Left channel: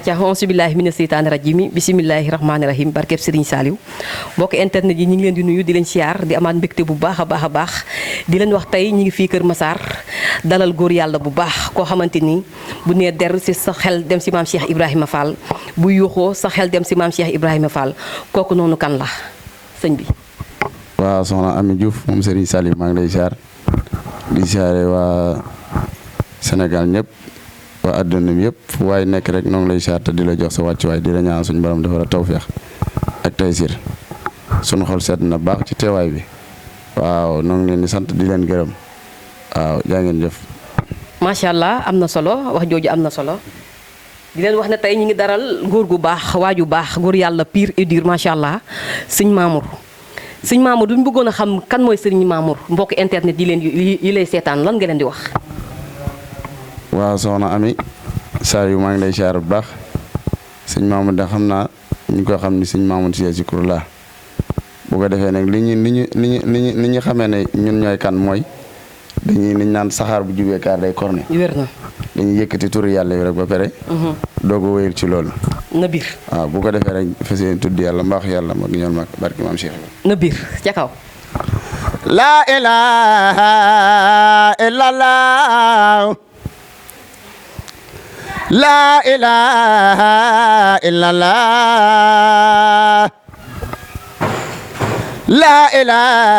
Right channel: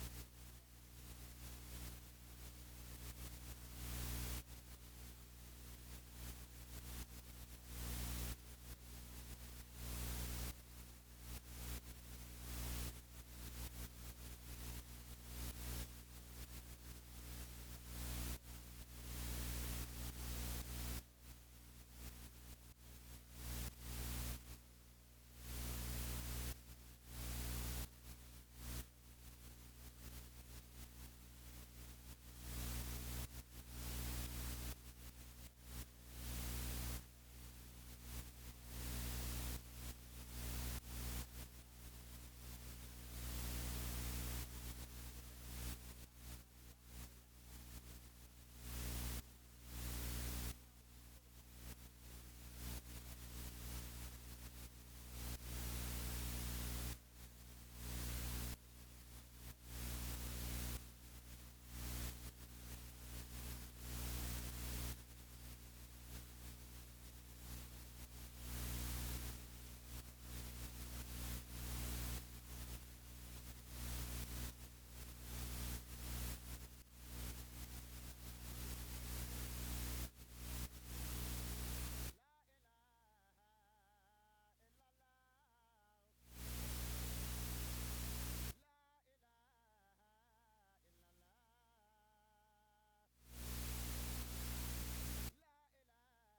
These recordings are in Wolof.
acca auzu billaahi mina seytaani rajiim bismillaahi rahmaani rahiim barkeb Serigne Saliou mbokk internet yi ñu ngi leen di nuyu di leen siyaar di amaat mbégte bu baax a baax a baax di leen wax tey ñu ngi fii Kër Massar dalal góor yàlla bu baax koo xamante ni bu nee der si sa xel dem si maam Cheikh Ibrahima Fall bu yuuxoo sa xel dem si maam Cheikh Ibrahima Fall kooku noonu kan la sëñ bi. waaw soxna Ami Diouf moom Serigne Saliou maa ngi lay siyaar di siyaare waa Sénégal ñëpp waa àdduna bi yëpp fu waaye nekk rek noo ngi lay siyaar te di la jox sa wàccuwaay di la ñaan suñu borom dafa la tawféex ak taysir suñu xol sedd na baax ci teewaay bi waaw noo ngi leen di sant di leen gërëm waaw jaa ngeen jëf. macha allah am na solo wax jooju am na solo di leen wax ne tey ñu ngi daral góor gu baax waaju baax góor yàlla pire et dur macha allah sëñ Mamour. sëñ Mamour duñ bëggoon a xam kan mooy sëriñ Mamour mbokk internet yi leen yi lay seetaan lan nga leen di wax. waaw soxna Ami Saliou maa ngi lay siyaar bu baax sëñ Mamour da xam naa ñu ko xam ni sëñ Mamour si Zikrullah bu ko defee nag li ñu xamee ne ñun ñooy kan mooy dañuy liñ naan saxaar bu jubee kaar day korne. wér na dañuy yëkkati turu yàlla yi rek ba pare. doog a wéyal ci loolu. na biir waaw bu ko defee rek fas yéene tudd yàlla mbaax yàlla mag ñoom mag barki maam Cheikh. na biir ca kaw. la ilaha illallah la ilaha illallah la ilaha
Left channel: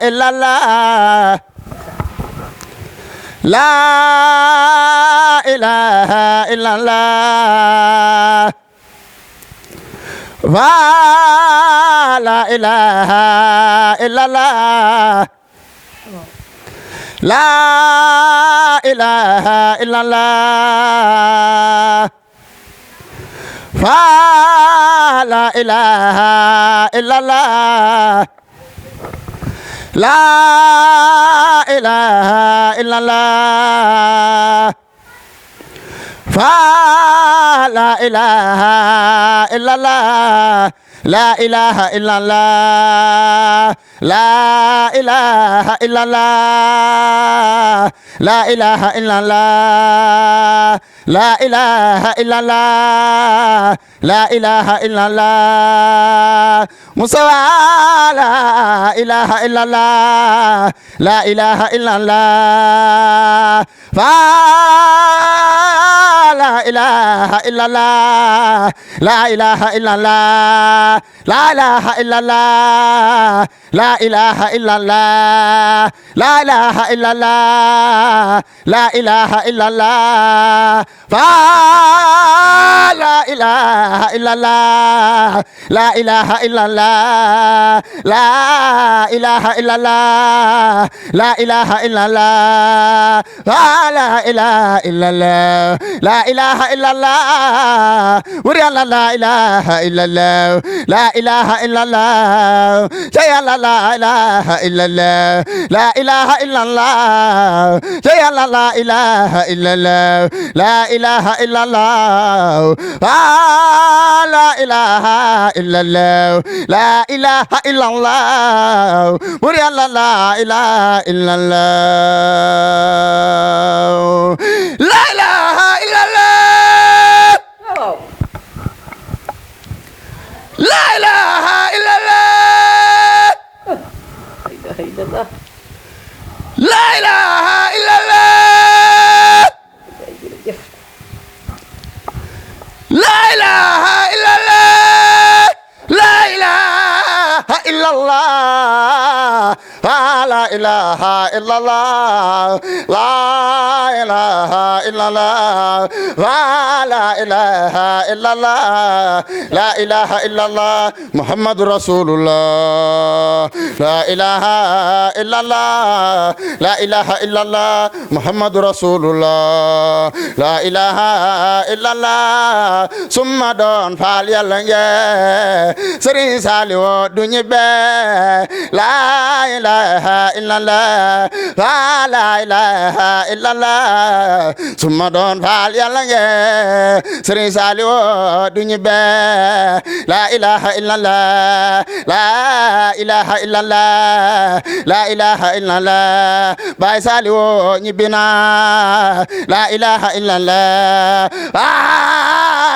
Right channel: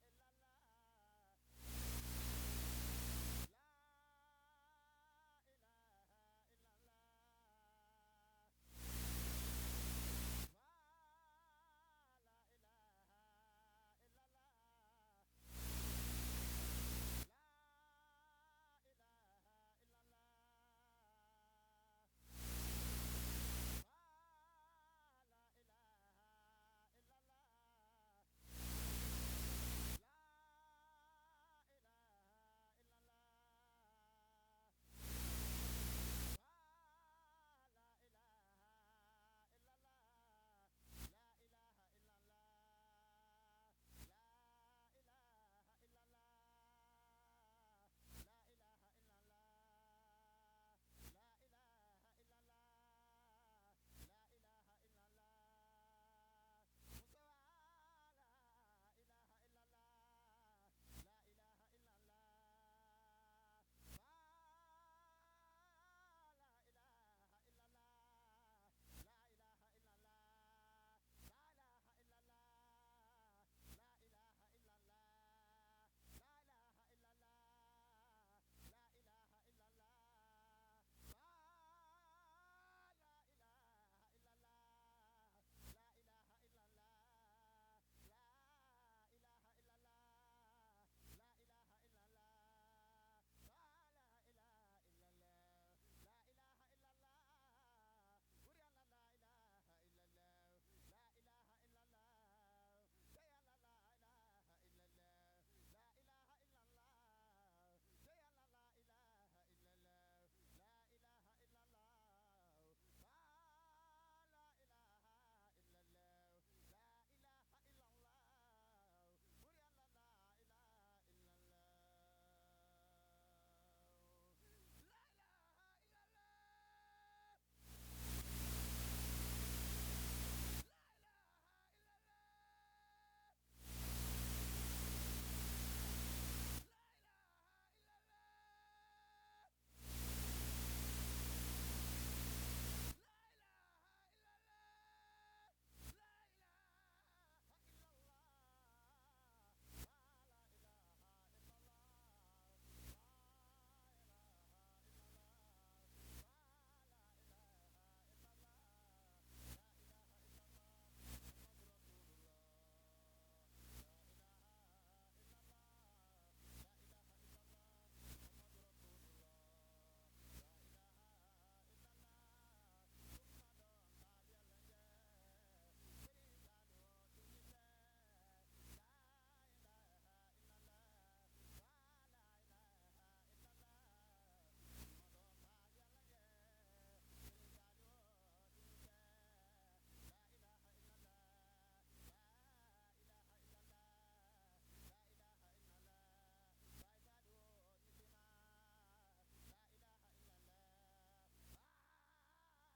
illallah la ilaha illallah wa la ilaha illallah la ilaha illallah fa la ilaha illallah la ilaha illallah fa la ilaha illallah la ilaha illallah la ilaha illallah la ilaha illallah la ilaha illallah la ilaha illallah musawa la ilaha illallah la ilaha illallah fa la ilaha illallah la ilaha illallah la ilaha illallah la ilaha illallah la ilaha illallah la ilaha illallah fa la ilaha illallah la ilaha illallah la ilaha illallah la ilaha illallah fa la ilaha illallah la ilaha illallah wuri la ilaha illallah la ilaha illallah jaya la ilaha illallah la ilaha illallah jaya la ilaha illallah la ilaha illallah la ilaha illallah la ilaha illallah wuri la ilaha illallah la ilaha illallah la ilaha illallah la ilaha illallah la ilaha illallah la ilaha illallah la ilaha illallah la ilaha illallah la ilaha illallah la ilaha illallah muhammadu rasulullah la ilaha illallah la ilaha illallah muhammadu rasulullah la ilaha illallah summa doon faal yàlla nge Serigne Saliou du ñibbe la ilaha illallah la ilaha illallah suma doon faal yàlla nge Serigne Saliou duñu be la ilaha illallah la ilaha illallah la ilaha illallah Baay Saliou ñibbina la ilaha illallah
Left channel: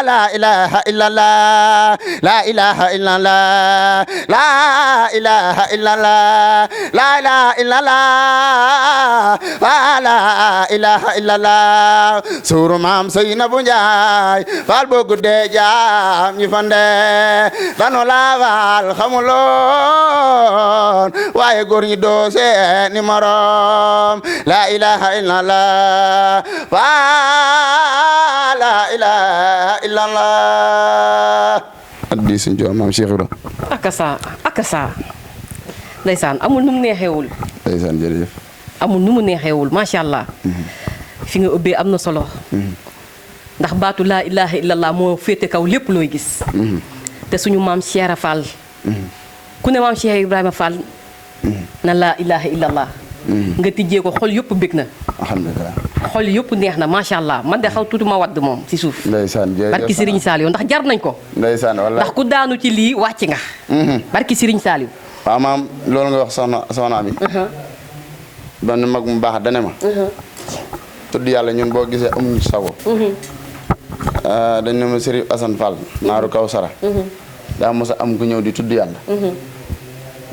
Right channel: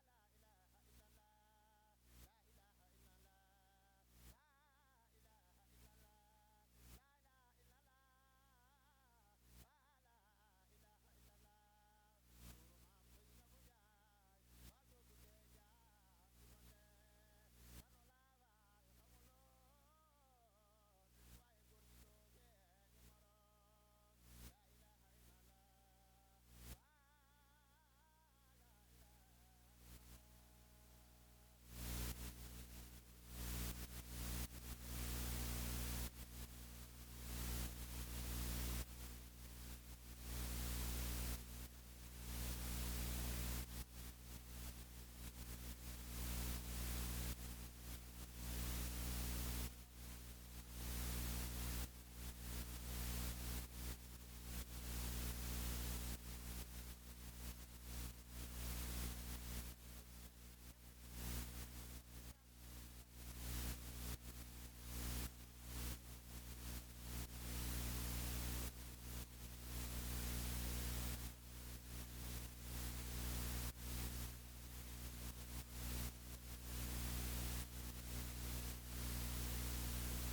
la ilaha illallah la ilaha illallah la ilaha illallah la ilaha illallah la ilaha illallah suru maam Seynabu Njaay faal boo guddee jaam ñi fande dano la faal xamuloon waaye góor ñi doo seeni morom la ilaha illallah la ilaha illallah addi suñ joor maam Cheikh Ibra akasa ndeysaan amul nu mu neexewul ndeysaan jërëjëf amul nu mu neexewul macha allah fi nga ubbee am na solo ndax baatu laa ilaha illallah moo féete kaw lépp looy gis te suñu maam Cheikh Fall ku ne maam Cheikh Ibrahima Fall na laa ilaha illallah nga tijjee ko xol yëpp bég na alhamdulilah xol yëpp neex na macha allah man de xaw tuuti ma wadd moom ci suuf ndeysaan jërëjëf barki Serigne Saliou ndax jar nañ ko ndeysaan wallaay ndax ku daanu ci lii wàcc nga barki Serigne Saliou waaw maam loolu nga wax soxna Ami benn mag mu baax dane ma tudd yàlla ñun boo gisee amuñu sago dañ ne ma Serigne Assane Fall naaru kaw sara daa mos a am ku ñëw di tudd yàlla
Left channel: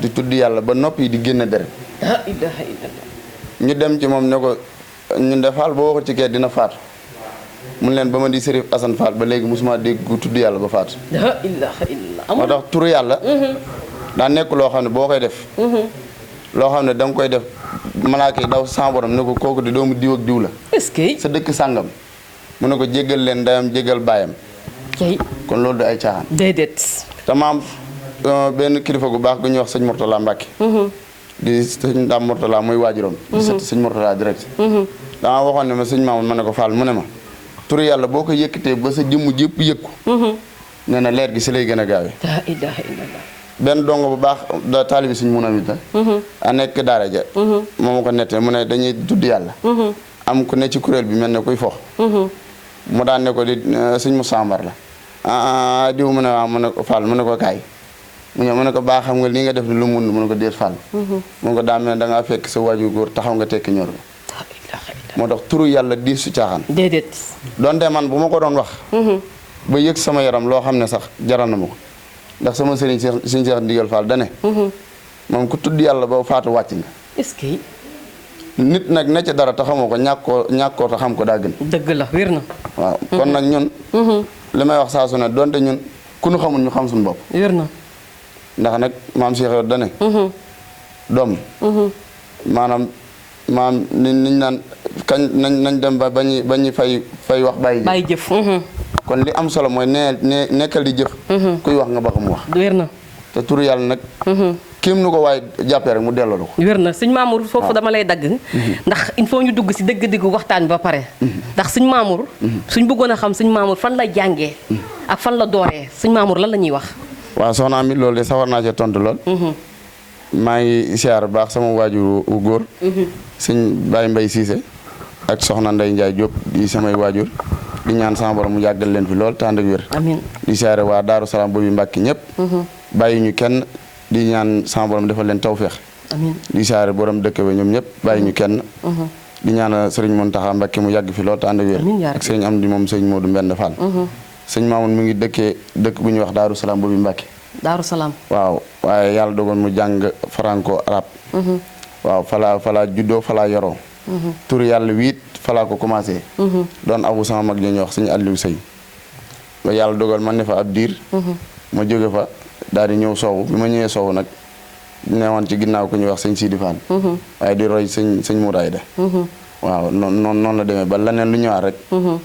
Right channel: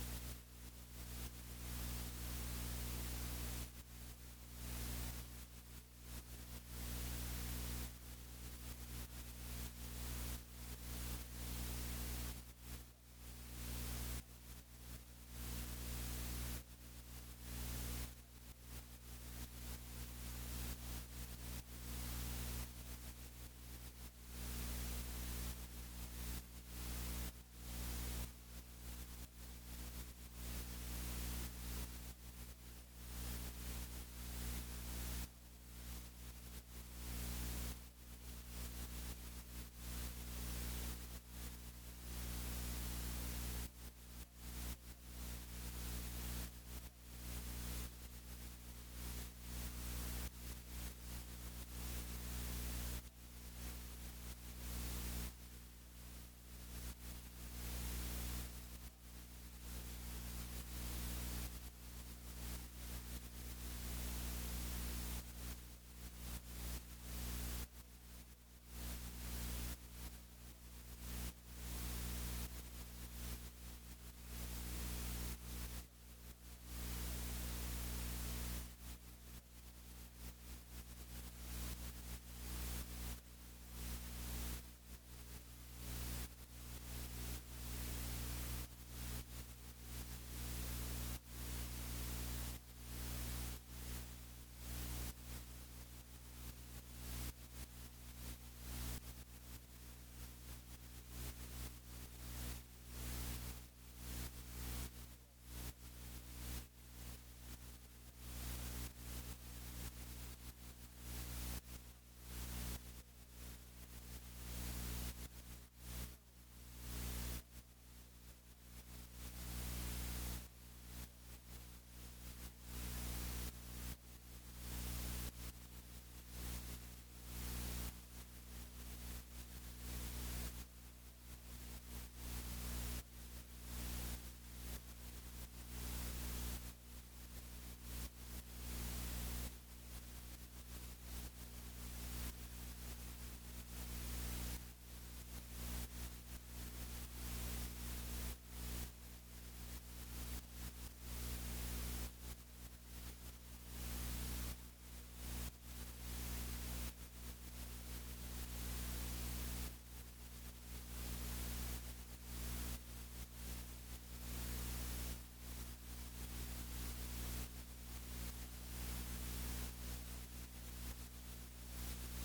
di tudd yàlla ba nopp yi di génn deret la ilaha illallah ñu dem ci moom ne ko ñun de Fall boo waxul ci kee dina faatu mun leen ba ma di Serigne Assane Fall ba léegi mosuma dégg ku tudd yàlla ba faatu la ilaha illallah moo tax turu yàlla daa nekk loo xam ne boo koy def loo xam ne da nga koy def malaaka yi daw sa borom ne ko kooku di doomu diw ak diw la est-ce que sa dëkk sàngam mu ne ko jéggal leen ndeyam jéggal baayam kay kon loolu du ay caaxaan déedéet te maam benn kilifa gu baax gu ñuy wax sëñ Mourtala Mbacke di sëñ Dame Mourtala muy waajuram di sët sëñ Mourtala direct dama waxoon ne ma sëñ Mamoun ma ne ko Fall mu ne ma turu yàlla boo ko yëkkatee ba sa jëmm jëpp yëkku nee na leer gi si lay gën a gaawee la ilaha illallah benn dongo bu baax da taalibi suñ mun amit la a nekk daara ja moo ma ko nettee mu ne dañuy tudd yàlla am ku ne ci kuréel bi mel ne kuy fox mu daan ne ko di suñ mu sambar la diw mu ne waaw mu ne ko Fall mu ne ko kaay mu ñëw mu ne ko baax xam nga lii nga def ni lu mun mu ne ko déet Fall mu ne ko daa mel ne da ngaa fekk sa waaju góor taxaw nga tekki ñor moo tax turu yàlla di su caaxaan déedéet donte man bu ma ko doon wax ba yëg sama yaram loo xam ne sax jaral na ma ko ndax sama sëriñ suñ Seex Ndigal Fall dane moom ku tudd yàlla ba faatu wàcc nga est-ce que nit nag ne ci dara te xamoo ko ñàkkoo te xam ko daa gën dëgg la wér na waaw kon nag ñun li may wax saa su ne donte ñun ku nu xamul ñu xam suñu bopp wér na ndax nag maam Cheikh yow dane doom maanaam maam niñ naan kañ nañ dem ba bañu fay wax bàyyi jëf kon li am solo mooy nekkal di jëf kuy wax nga ba ko mu wax wér na te turu yàlla nag kéem nu ko waaye jàppee rek mu delloo la ko wér na sëñ Mamour foofu dama lay dagg ndax il faut ñu dugg si dëgg-dëgg waxtaan bi ba pare ndax sëñ Mamour suñ bëggoon a xam sëñ Mamour fan la jàngee ak fan la dooree sëñ Mamour lan la ñuy wax waaw soxna Ami loolu de sawar naa cee tontu lool maa ngi siyaar baax sama waajur wu góor sëñ Baye Mbaye Cissé ak soxna Ndeye Ndiaye Diop di samay waajur di ñaan sama borom mu yàggal leen fi lool te ànd ak wér amiin di siyaare waa Daaru Salaam boobu Mbàkke ñëpp bàyyi ñu kenn di ñaan sama borom defal leen tawféex amiin di siyaare borom dëkk ba ñoom ñëpp bàyyi ñu kenn di ñaan sëriñ Mountakha Mbàkke mu yàgg fi lool te ànd ak wér ak sëriñ Amdi moom sëriñ Modou Mbend Fall sëñ Mamoun mu ngi dëkk bu ñuy wax Daaru Salaam boobu Mbàkke Daaru Salaam waaw waaye yàlla dogal mu jàng franco arabe waaw falaa juddoo falaa yoroo tur yàlla wiit falaa ko commencé doon abu sama mag ñuy wax sëñ Aliou Sey ba yàlla dogal man ne fa ab diir ma jóge fa daal di ñëw soowu bi ma ñëwee soowu nag neewoon ci ginnaaw ku ñuy wax sëñ Sidi Fall waaye di roy sëñ Mouraay de waaw noonu la demee ba leneen lu ñëwaat rek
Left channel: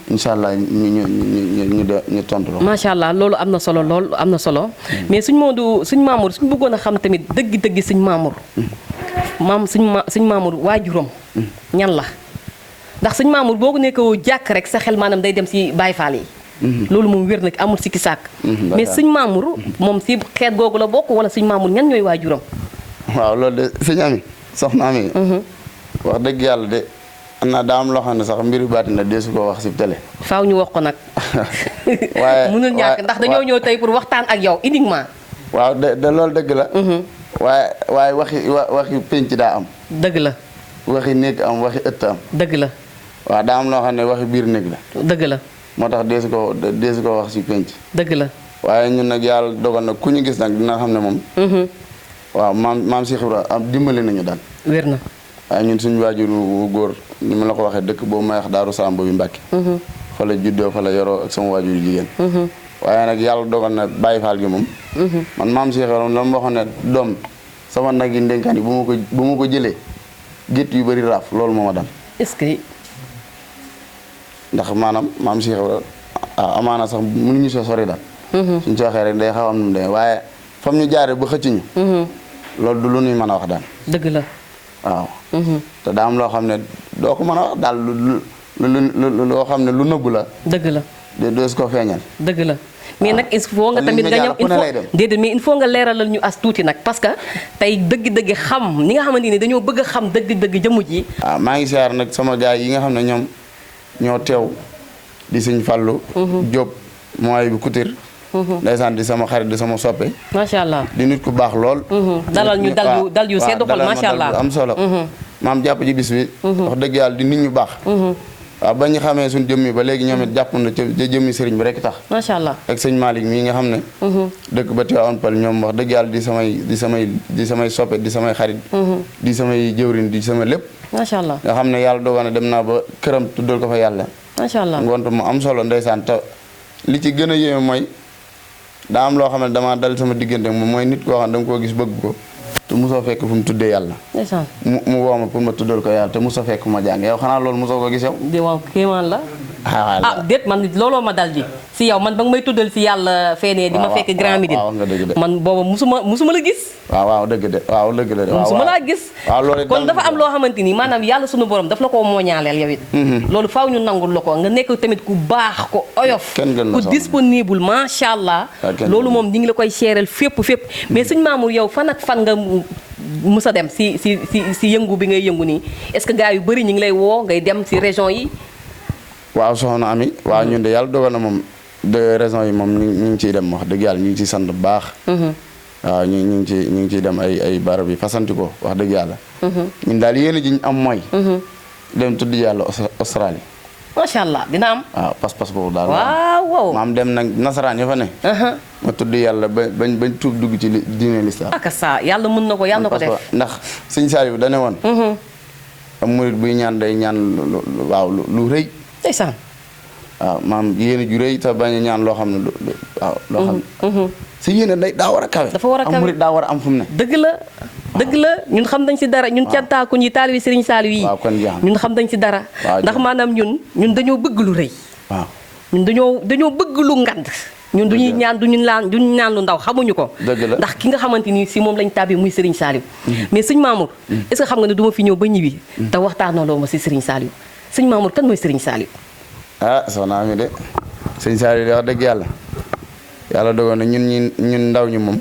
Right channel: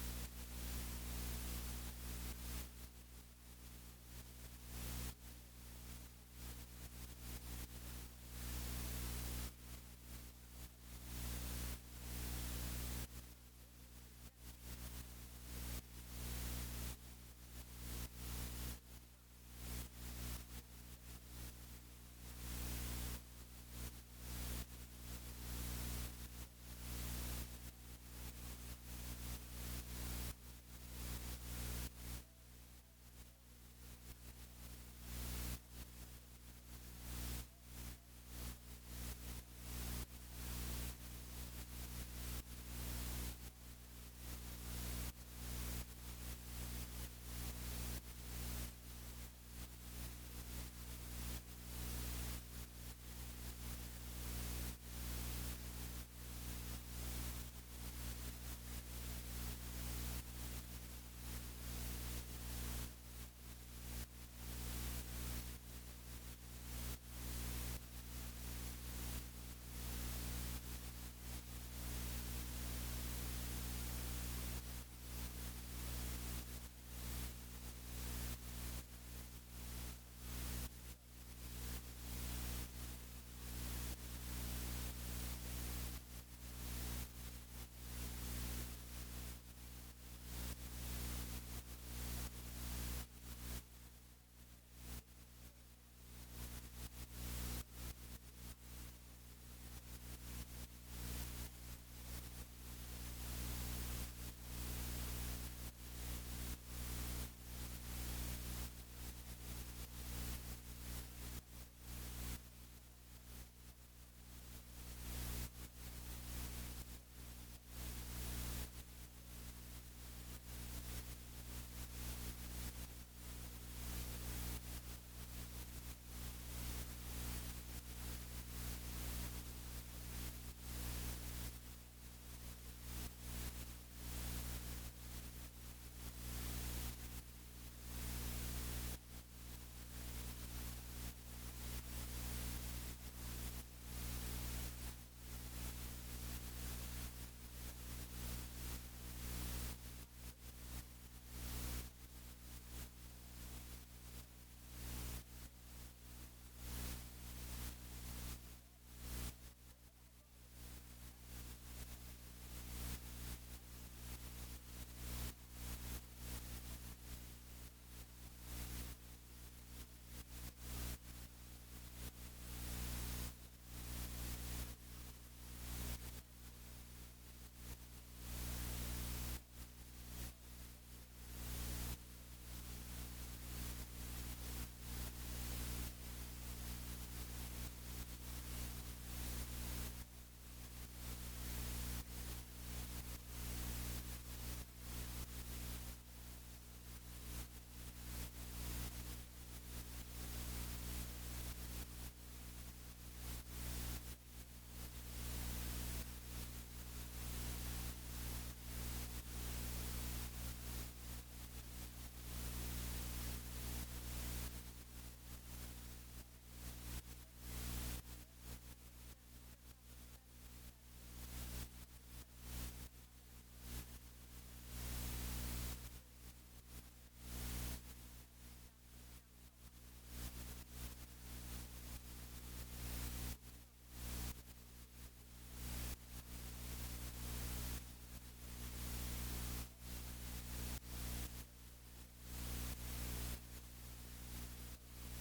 incha allah ñu tontu la macha allah loolu am na solo lool am na solo mais suñ Mamour suñ bëggoon a xam tamit dëgg-dëgg suñ Mamour suñ Mamour waajuram ñan la ndax suñ Mamour boo ko nekkoo jàkk rek sa xel maanaam day dem si Baye Fall yi loolu moom wér nag amul sikki sàkk mais suñ Mamour moom si xeet googu la bokk wala suñ Mamour ñan ñooy waajuram waaw loolu de sëñ Ami soxna mi wax dëgg yàlla de am na daa am loo xam ne sax mbiru baati na deesu ko wax si télé. faaw ñu wax ko nag. waaye mënul ñàkk ndax dañoo ñëw tey pour waxtaan ak yow uniquement. waaw de loolu dëgg la. waaye waxi penc daa am. dëgg la. waxi néeg am waxi ëtt am. dëgg la. waaw daa am loo xam ne waxi biir néeg la. dëgg la. moo tax deesu ko wax si penc. dëgg la. waaye ñun nag yàlla dogal na ku ñu gis nag dina xam ne moom. waaw maam Cheikh Ibra am dimbali nañu daal. wér na. waaye ñun suñu waajur wu góor ni ma la ko waxee dëkk boobu may wax Daaru Salaam boobu Mbàkke. fa la juddoo fa la yoroo ak sama waajur jigéen. waaye nag yàlla dogal na Baye Fall gi moom. man maam Cheikh Ibra la ma waxoon ne doom sama nag yi ndénkaan yi bu ma ko jëlee gétt yu bëri raaf loolu moo ma dal. est-ce que. ndax maanaam maam Cheikh Ibra amaana sax mënuñu soo sori daal. suñ ci waxee rek day xaw am nu mu demee waaye fam ñu jaaree ba xëcc ñu. loolu du lu ñuy mën a wax daal. dëgg la. waaw. te daa am loo xam ne doo ko mën a wax daal loo xam ne lu nëbbu la. dëgg la. doo si ko feeñal. dëgg la. mais nag il faut nga tamit nga ñëw déedéet mais il faut nga leeralal ñu as tuuti nag parce que tey dëgg-dëgg xam ñi nga xamante ni dañoo bëgg a xam dëgg-dëgg jëmm ji. waaw maa ngi siyaar nag sama gars yi nga xam ne ñoom ñoo teew di sëñ Fallou. Diop mooy bu Couture. ndeysaan di sama xarit di sama soppe. macha allah di nit ku baax lool. dalal ñu dal yu sedd xol macha allah am solo. maam jàpp ci bis bi. wax dëgg yàlla di nit ñu baax. waaw ba ñu xamee suñ jëmmi ba léegi ñoom it jàpp na ca jëmmi sëriñ bi rek tax. macha allah ak sëñ Malick mii nga xam ne. dëkk ba Tivaouane Peulh ñoom wax dëgg yàlla di samay soppe di samay xarit. di samay jëwrin di sama lépp. macha allah nga xam ne yàlla dogal na dem naa ba këram tuddal ko fa yàlla. macha allah ngont mu am solo ndeysaan te li ci gën a yéeme mooy daa am loo xam ne damaa dal sama diggante moom mooy nit koo xam ne danga koo gis bëgg ko te mosoo fekk fu mu tuddee yàlla. ndeysaan mu woo ma pour ma tuddal ko yàlla te mosoo fekk fu ma jàng yow xanaa loolu mosoo ko gis yow. di waaw kéemaan la. déet man looloo ma dal di si yow man ba nga may tuddal si yàlla feenee di ma fekk Grand Médine man booba musuma la gis. waaw dëgg de waaw dëgg de. musuma laa gis. waaw loolu kon dafa am loo xamante ni maanaam yàlla sunu borom daf la koo mooñaaleel yow it. loolu faaw ñu nangul la ko nga nekk tamit ku baax ko oyof. ku disponible macha allah. loolu moom ñi ngi la koy seereel fépp mais sëñ Mamour yow fan ak fan nga musa dem si yëngu bi ngay yëngu nii est-ce que gars yu bëri ñu ngi lay woo ngay dem si région yi. waaw soxna Ami waaw ñun de yàlla dogal na moom de raison yi moom ñu ngi ciy dem wax dëgg yàlla ñu ngi ciy sant bu baax. waaw ñu ngi ciy dem ay barab yi fasanti ko wax dëgg yàlla. ñun daal yéen a ji ñu am mooy. dem tudd yàlla Australie. macha allah dina am. waaw pas-pas boobu daal. waaw maam dem nag nasaraan ya fa ne. ma tudd yàlla bañ tuub dugg ci diine lislaam. ak saa yàlla mën na ko yàlla na ko def. ndax sëñ Saliou da ne woon. am murit buy ñaan day ñaan waaw lu rëy. ndeysaan. waaw maam yéene ju rëy te bañ a ñaan loo xam ne waaw loo xam ne. si yéene daa war a kawe. dafa war a kawe am murit daa war a am fu mu ne. dëgg la ñun xam nañ si dara ñun cantaaku ñi taalibi Serigne Saliou yi. waaw kon jeex ñun xam nañ si dara. ndax maanaam ñun dañoo bëgg lu rëy. waaw ñun dañoo bëgg lu ngand. ñun duñuy ñaan duñu naan lu ndaw xamuñu ko. dëgg la ndax ki nga xamante ni si moom lañ tàbbi muy Serigne Saliou. mais sëñ Mamour. est-ce que xam nga ne du ma fi ñëw ba ñibbi. te waxtaanaloo ma si Serigne Saliou sëñ Mamour kan mooy Serigne Saliou. soxna Ami de sëñ Saliou de wax dëgg yàlla dogoon na ñun ndaw ñi moom.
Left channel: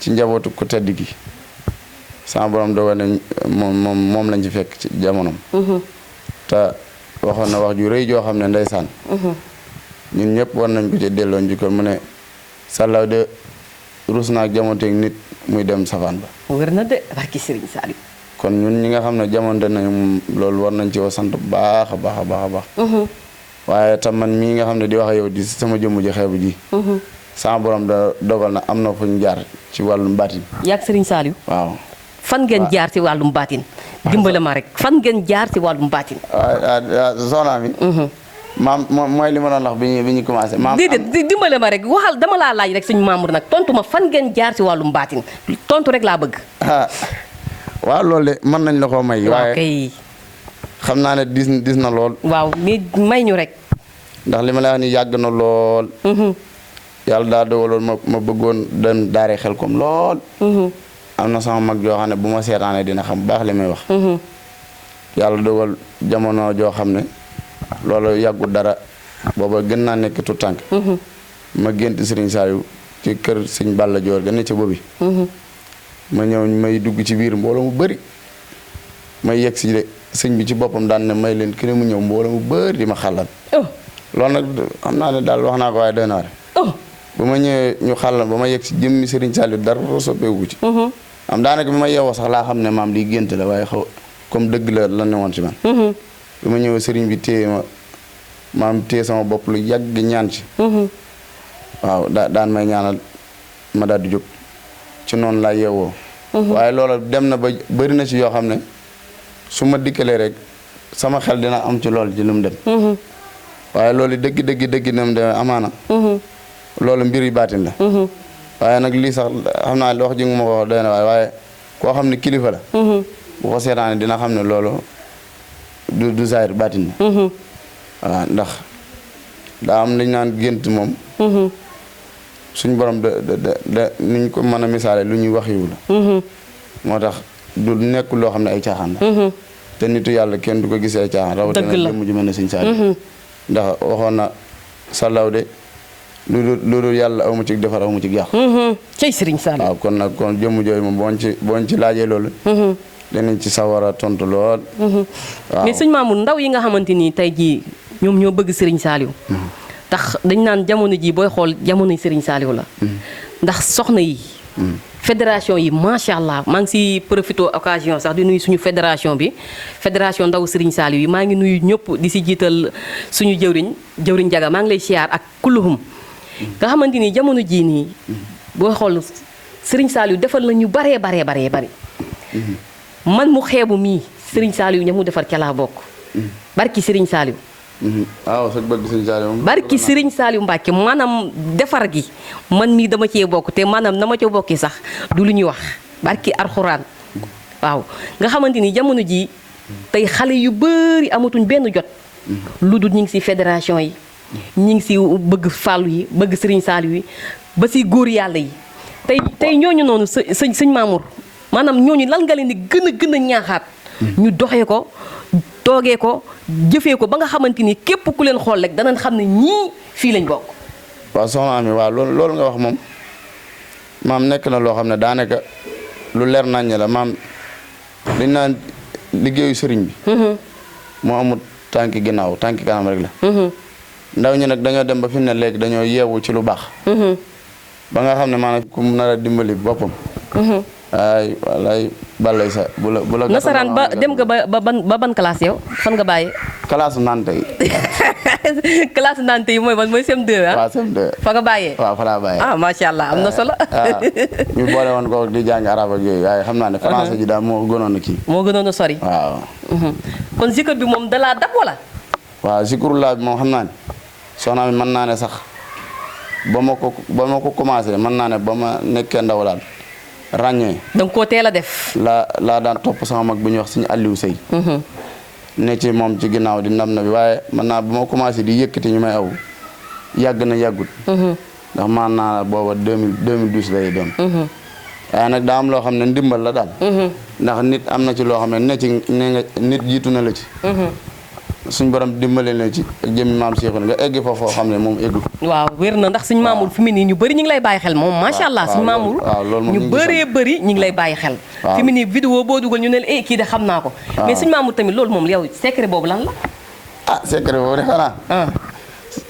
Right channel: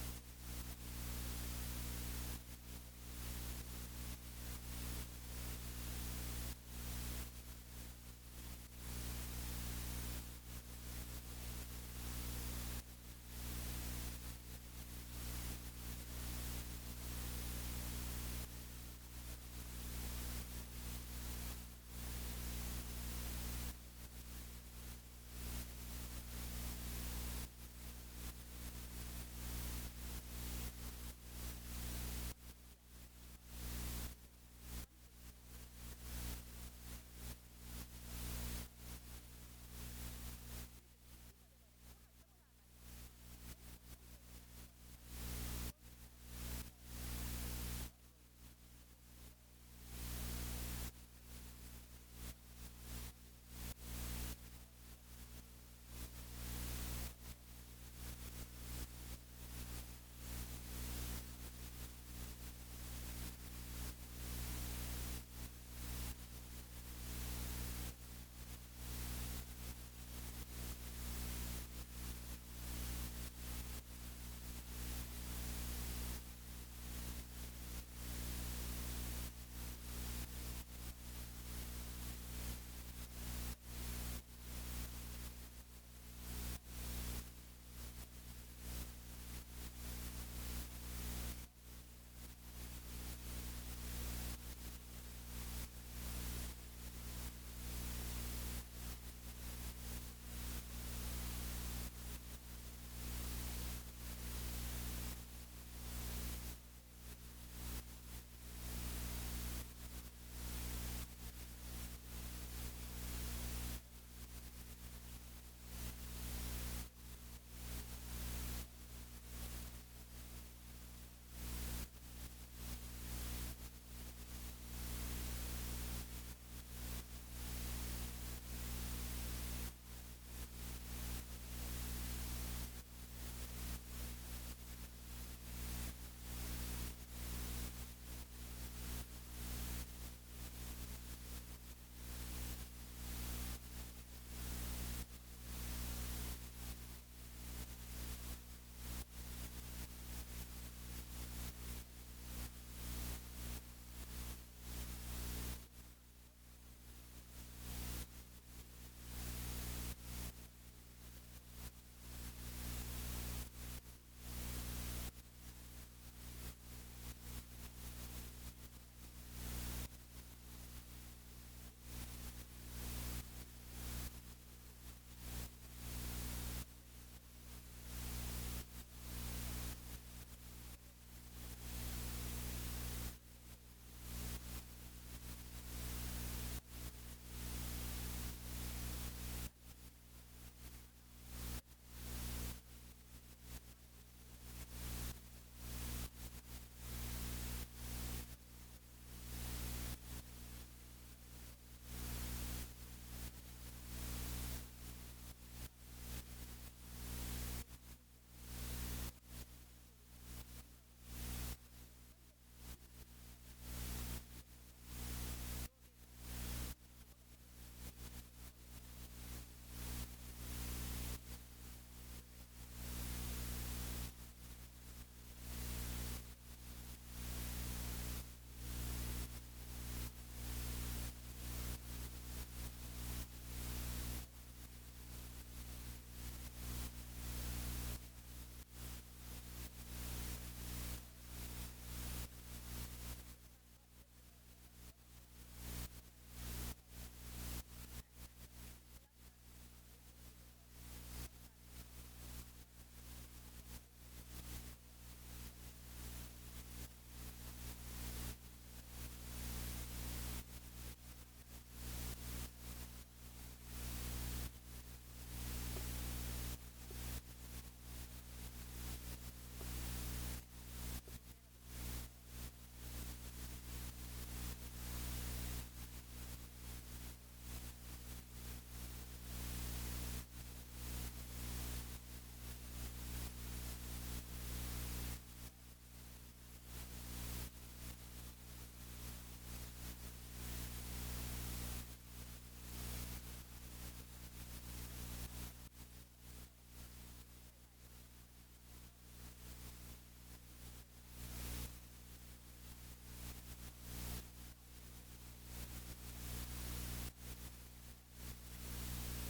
ci njabootu ku tedd gi. sama borom dogoon na moom lañ ci fekk ci jamonoom. te waxoon na wax ju rëy joo xam ne ndeysaan. ñun ñëpp war nañ ko ci delloo njukkal mu ne sàllaw de rus naa ak jamonteeg nit muy dem safaan ba. wér na de barki Serigne Saliou. kon ñun ñi nga xam ne jamonte nañu moom loolu war nañ ci woo sant bu baax a baax a baax a baax. waaye tam man mii nga xam ne di wax ak yow di sama jëmm ji xeebu ji. sama borom da dogal na am na fu ñu jaar ci wàllum baatin. yaag Serigne Saliou. waaw. fan ngeen jaar ci wàllum baatin. dimbale ma rek fan ngeen jaar ci wàllum baatin. soxna mi. maam mooy li ma doon wax bi ñu commencé. maam déedéet dimbale ma rek waxal dama laa laaj rek suñu Mamour nag tontu ma fan ngeen jaar ci wàllum baatin tontu rek laa bëgg. waaw loolu de mën nañ la koo may. waaye kay. xam naa ne dis na lool. waaw mais may ñu rek. ndax li ma la wax ni yàgg na lool. yàlla daa dogaloon ma bëggoon dem daare xel kom lool. am na sama mag joo xam ne bu ma seetaanee dina xam baax li may wax. yàlla dogal jamono joo xam ne loolu yàggu dara booba gën naa nekk tout tànk. ma gént Serigne Saliou ci kër sëñ Balla Joor ga ne ca boobi. ma ñëw may dugg ci biir mbooloo mu bëri may yegg si de sëñ bi ci boppam daan ne may leen kii mu ñëw mbooloo mu bëri di ma xàllal. loolu nag xam naa ne daal wax naa ko waaye doy na waar. ba ma ñëwee ñu xàllal ba ma yegg si jëmmi Serigne Saliou dara soppeeku ci. am daanaka bi ma yeewoo sax laa xam ne maam lii gént la waaye xaw comme dëgg la ne woon ci man. bi ma ñëwee Serigne bi téye ma maam téye sama bopp lu yàgg ñaan ci. waaw daan may ñaanal ma daal di jóg ci noonu laa yeewoo. waaye loola dem na ba bëri na ci yoo xam ne su ma dikkalee rek sama xel dina am ci lool ci lu mu dem. waaye loolu dëgg na mu demee amaana. loolu mbir yu baatin la. waaye nag lii sax xam naa wax ji nga ma ko wax doy na waaye koo xam ne kilifa la. bu ko seetaane dina xam ne loolu du zaahir baatin la. waaw ndax daa am li ñu naan gént moom. suñ borom niñ ko mën a misaale lu ñuy wax yiw la. moo tax du nekk loo xam ne ay caaxaan la. te nitu yàlla kenn du ko gisee ay caaxaan. rawatina jëmm ju mel ne Sëñ Saaliw. ndax waxoon na sàllaw de lu dul yàlla aw ma ci defar aw ma ci yàq. cey Sëriñ Saaliw. waaw kon nag kon jëmm jooyu moom booñ ci laajee loolu. danañ ci sawar a tontu lool. waaw mais sëñ Mamour ndaw yi nga xamante ni tey jii ñoom ñoo bëgg Sëriñ Saaliw. tax dañ naan jamono ji booy xool jamonoy Sëriñ Saaliw la. ndax soxna yi. fédération yi macha allah maa ngi si profité occasion sax di nuyu suñu fédération bi fédération ndaw Sëriñ Saaliw yi maa ngi nuyu ñëpp di si jiital suñu jëwriñ Jaga maa ngi lay siyaar ak kulluhum nga xamante ni jamono jii nii booy xool Sëriñ Saaliw defal la ñu baree bari man mu xeebu mii Sëriñ Saaliw ña mu defar ca laa bokk barki Sëriñ Saaliw. waaw sëñ bëgg Sëriñ Saaliw barki Sëriñ Saaliw Mbàkke maanaam defar gi man mii dama cee bokk te maanaam na ma ca bokki sax du lu ñuy wax barki arxuraan waaw nga xamante ni jamono ji tey xale yu bëri amatuñ benn jot lu dul ñu ngi si fédération yi ñu ngi si bëgg fàllu yi bëgg Sëriñ Saaliw yi ba si góor yàlla yi tey ñooñu noonu sëñ Mamour maanaam ñooñu lan nga leen di gën a ñaaxaat ñu doxee ko toogee ko jëfee ko ba nga xamante ni képp ku leen xool rek danañ xam ne ñii fii lañ bokk. waaw soxna Ami waaw loolu nga wax moom maam nekk na loo xam ne daanaka lu leer naññ la maam dañ naan liggéeyu sëriñ bi. moo amul tànki ginnaaw tànki kanam rek la. ndaw ñi nag dañoo dem ba fi mu ne léegi dañoo yeewu ci lu baax. ba nga xam ne maanaam ku nar a dimbali boppam. ay walaay balay sa bu la nasaraan ba dem nga ba ban classe yow fan nga bàyyee. classe nante yi. classe nante yi mooy CM2 ah. waaw CM2. fa nga bàyyee. waaw fa laa bàyyee. ah macha allah am na solo. ñu boole woon ko di jàng arab ak yooyu waaye xam naa ne français ji daal moo gënoon a kii. moo gënoon a sori. waaw. kon zikr bi moom dalaa dab wala. waaw zikrullah bi moom xam naa ne soxna mi mën naa ne sax ba ma ko commencé mën naa ne ba ma nekkee ndaw daal. ràññee da nga koo teel a def. laa daan topp sama mag bu ñuy wax suñu Aliou Sey. ne ci moom ci ginnaaw di ndam na bi waaye man naa ba ma commencé di yëkkati ñu may aw yàgg na yàggut. ndax man naa booba 2012 lay doon. waaye nag daa am loo xam ne ndimbal la daal. ndax nit am na ci loo xam ne nit jiitu na la ci. suñ borom dimbale na ci ak jëmmi maam Cheikh nga egg foofu xam ne moom eggut. waaw wér na ndax suñ Mamour fi mu nii ñu bëri ñu ngi lay bàyyi xel moom macha allah suñ Mamour ñu bëree bëri ñu ngi lay bàyyi xel. fi mu nii vidéo boo dugal ñu ne la kii de xam naa ko. mais suñ Mamour tamit loolu moom yow secret boobu lan la. secret boobu de xanaa.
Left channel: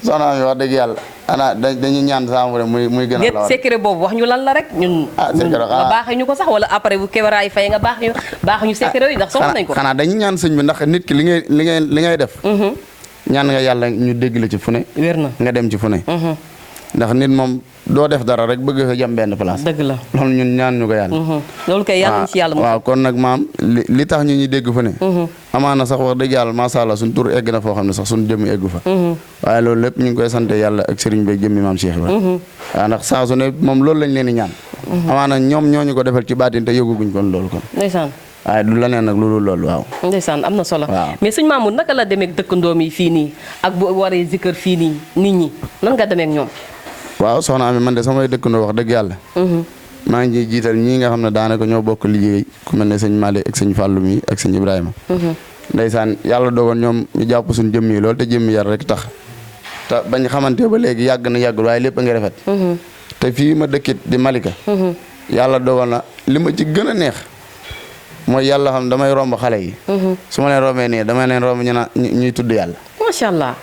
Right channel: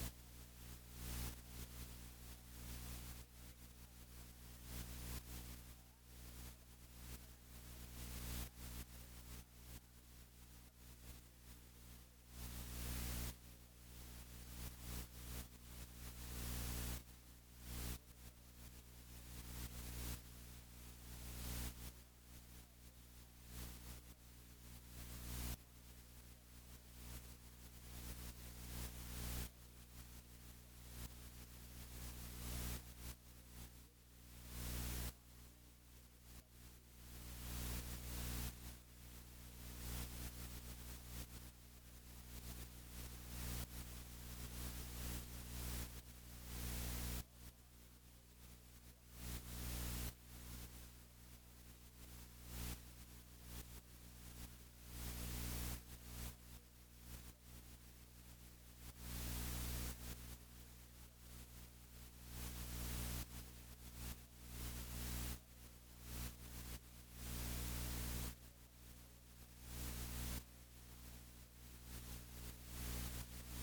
soxna mi wax dëgg yàlla ana dañuy ñaan saamu rek muy gën a lawal secret boobu wax ñu lan la rek ñun nga baaxee ñu ko sax wala après bu kebaraay fay nga baax ñu secret yooyu ndax soxla nañ ko xanaa dañuy ñaan sëñ bi ndax nit ki li ngay def ñaan nga yàlla ñu dégg la ci fu ne wér na nga dem ci fu ne ndax nit moom doo def dara rek bëgg fa jam benn place dëgg la loolu ñun ñaan ñu ko yàlla loolu kay yàlla ci yàlla waaw kon nag maam li tax ñu dégg fu ne amaana sax wax dëgg yàlla macha allah suñ tur egg na foo xam ne sax suñ jëmmi eggu fa waaye loolu lépp ñu ngi koy sante yàlla ak sëriñ bi jëmmi maam Cheikh Ibrahima waaw ndax saa su ne moom loolu lañ leen di ñaan amaana ñoom ñooñu ko defal ci baatin te yëguguñ kon loolu kon ndeysaan waaye du la neen nag loolu loolu waaw ndeysaan am na solo mais sëñ Mamour naka la demee dëkkandoom yi fii nii ak bu waree zikkër fii nii nit ñi nan nga demee ak ñoom waaw soxna Ami man de samay dëkkandoo wax dëgg yàlla maa ngi jiital ñii nga xam ne daanaka ñoo bokk liggéey ku mel ne sëñ Malick ak sëñ Fallou mi ak sëñ Ibrahima ndeysaan yàlla dogoon ñoom ñu jàpp suñ jëmm yi loolu te jëmmi yar rek tax te bañ xamante ba léegi yàgg na yàggul waaye lépp a ngi rafet te fii ma dëkkit di Malika yàlla dogal na li ma ci gën a neex mooy yàlla xam damay romb xale yi. su ma leen rombee nii damay leen romb ñuy tudd yàlla. macha allah.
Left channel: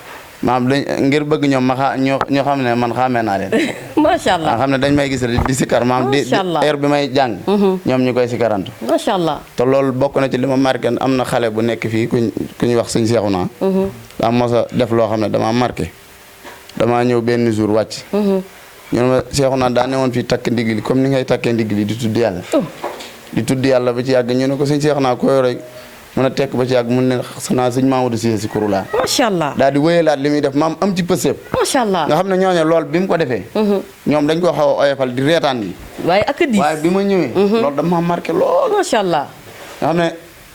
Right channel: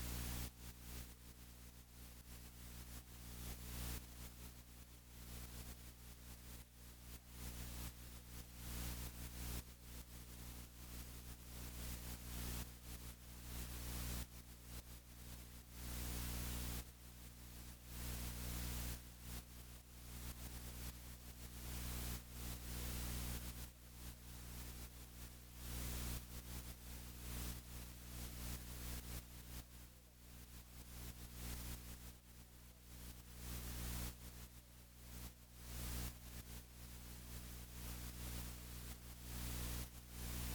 maam dañ ngir bëgg ñoom ñoo xam ne man xàmmee naa leen. macha allah xam ne dañ may gis di sikkar maam di heure bi may jàng. ñoom ñu koy sikkarantu. macha allah. te loolu bokk na ci li ma marqué am na xale bu nekk fii ku ñuy wax sëñ Seexuna. daa mos a def loo xam ne damaa marqué damaa ñëw benn jour wàcc. ñu ne ma Seexuna daa ne woon fii takk ndigli comme ni ngay takkee ndigli di tudd yàlla. di tudd yàlla ba ci yàgg ñu ne ko sëñ Seexuna ko yore mën a tekk ba ci yàgg mun ne xanaa sëñ Mamadou Cissé si kurulaa. macha allah daal di wéyalaat li muy def maam am ci pësëb. macha allah nga xam ne ñooñu lool bi mu ko defee. ñoom dañ ko xaw a oyofal di reetaan yi. waaye ak di waaye bi ma ñëwee. loolu dama marqué lool. macha allah. nga xam ne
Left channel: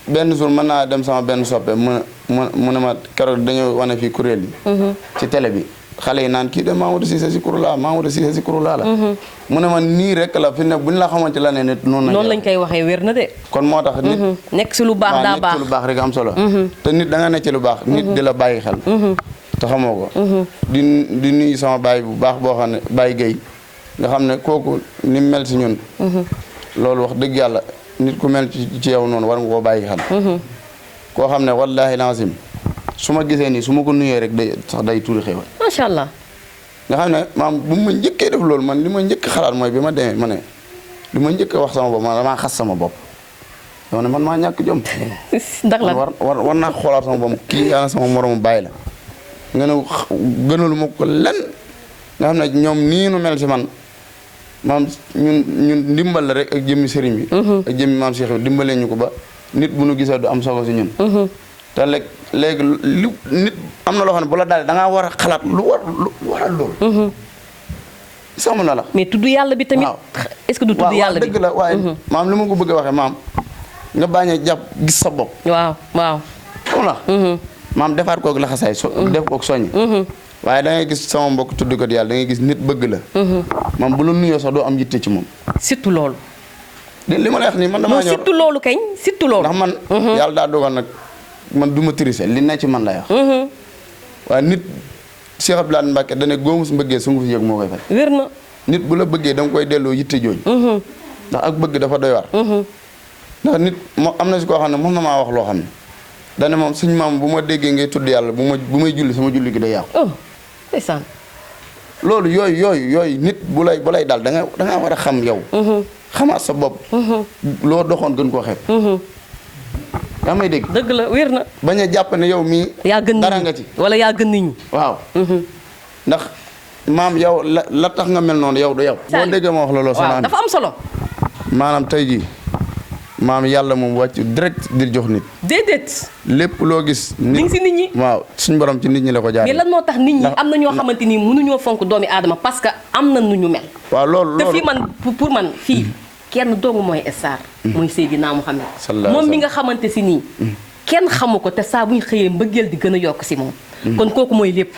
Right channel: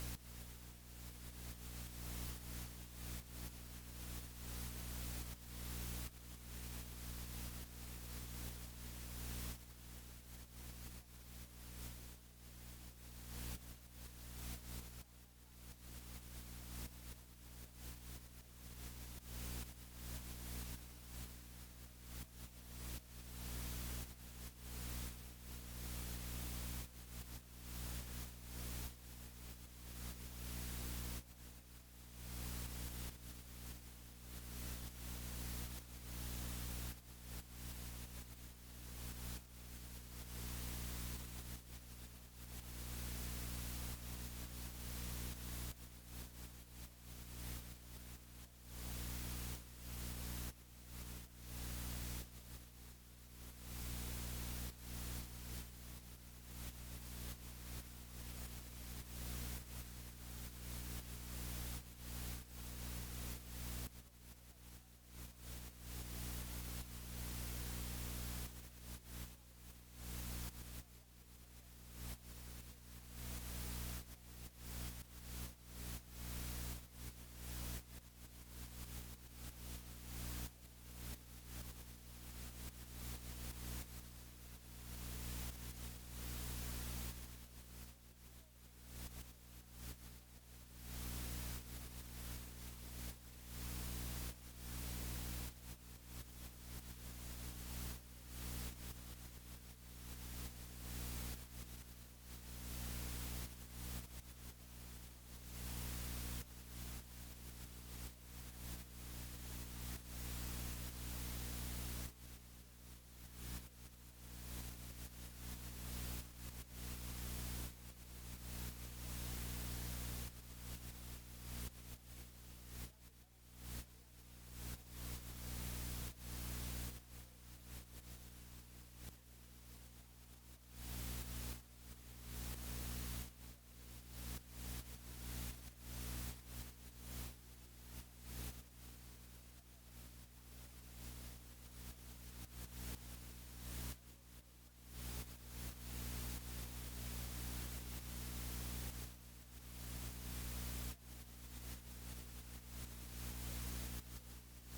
benn jour mën naa dem sama benn soppe mu ne ma keroog dañoo wane fii kuréel yi. ci télé bi xale yi naan kii de Mamadou Cissé si kurulaa Mamadou Cissé si kurulaa la. mu ne ma nii rek la fi ne buñ la xamante la ne nit noonu lañ koy waxee wér na de. kon moo tax nit nekk si lu baax daa baax nekk si lu baax rek am solo. te nit da nga nekk ci lu baax. nit di la bàyyi xel. te xamoo ko. di nuyu sama baay bu baax boo xam ne Baye Gueye nga xam ne kooku ni mu mel si ñun. loolu wax dëgg yàlla nit ku mel ci yow noonu war nga koo bàyyi xel. koo xam ne wallaahi lazim su ma gisee nii su ma ko nuyee rek day tuuri xéwal. macha allah. nga xam ne maam bu ma njëkkee def loolu man li ma njëkk xalaat mooy bi ma demee ma ne li ma njëkk wax sama bopp man damaa xas sama bopp. dama ne man maa ñàkk jom. ndax la war naa xoolaat sama bopp kii yaa sama moromu bàyyi la. nga ne gënalu ma ko lenn nga xam ne ñoom nii nu mel si man maam ñun ndimbal la rek ak jëmmi sëriñ bi. ak jëmmi maam Cheikh dimbalee ñu ko ba nit bu nu gisee du am solo si ñun. te léegi lu nit am na loo xam ne bu la daal da ngaa war a xalaat lu waral loolu. sàmm na la. mais tudd yàlla bi tamit. est-ce que du tudd yàlla bi dëgg la waaye maam li ma ko bëgg a waxee maam nga bañ a jàpp gis sa bopp. waaw. xam la maam defaat koog laxasaay def koog soññ. waaye da ngay gis sama mbokk tudd ko yàlla da ngay gis nit bëgg la. maam bu la nuyoo sax doo am yitte ci moom. surtout loolu. li ma lay wax nii man damaa ñor surtout loolu kañ surtout loolu. ndax man yàlla daa dogal nag man du ma tricher li ne ci man lay wax. waaye nit Cheikh Abdoulaye Mbacke da ne góomu su mbëggee su nga fi yëg moo koy fay. wér na. nit bu la bëggee da nga koy delloo yitte jooju. ndax ak bëgg dafa doy war. ndax nit moo am na si koo xam ne mën na maa wax loo xam ne dane moom suñu maam bu ma déggee ngay tudd yàlla bu may julli sama julli gi day yàqu. ndeysaan. loolu yooyu nit bu lay daal da nga war a xam yow. xamaat sa bopp. loo doxoon gën koo xeeb. yaa may dégg. dëgg la wér na. bañ a jàpp ne yow mii. yaa gën dara nga ci wala yaa gën nit ñi. waaw. ndax maam yow la tax nga mel noonu yow du yow. boo déggee ma wax looloo. waaw dafa am solo. maanaam tey jii maam yàlla moom wàcc direct di jox nit. déedéet. lépp loo gis. mi ngi si nit ñi. waaw suñu borom ci nit ñi la ko jaaree. mais lan moo tax nit ñi am na ñoo xamante ni mënuñoo fonk doomi aadama parce que am na nu ñu mel. waaw loolu te fii man pour man fii. kenn doomu mooy star mooy Seydina Muhammad moom mi nga xamante si nii kenn xamu ko te saa bu ñu xëyee mbëggeel di gën a yokk si moom kon kooku mooy lépp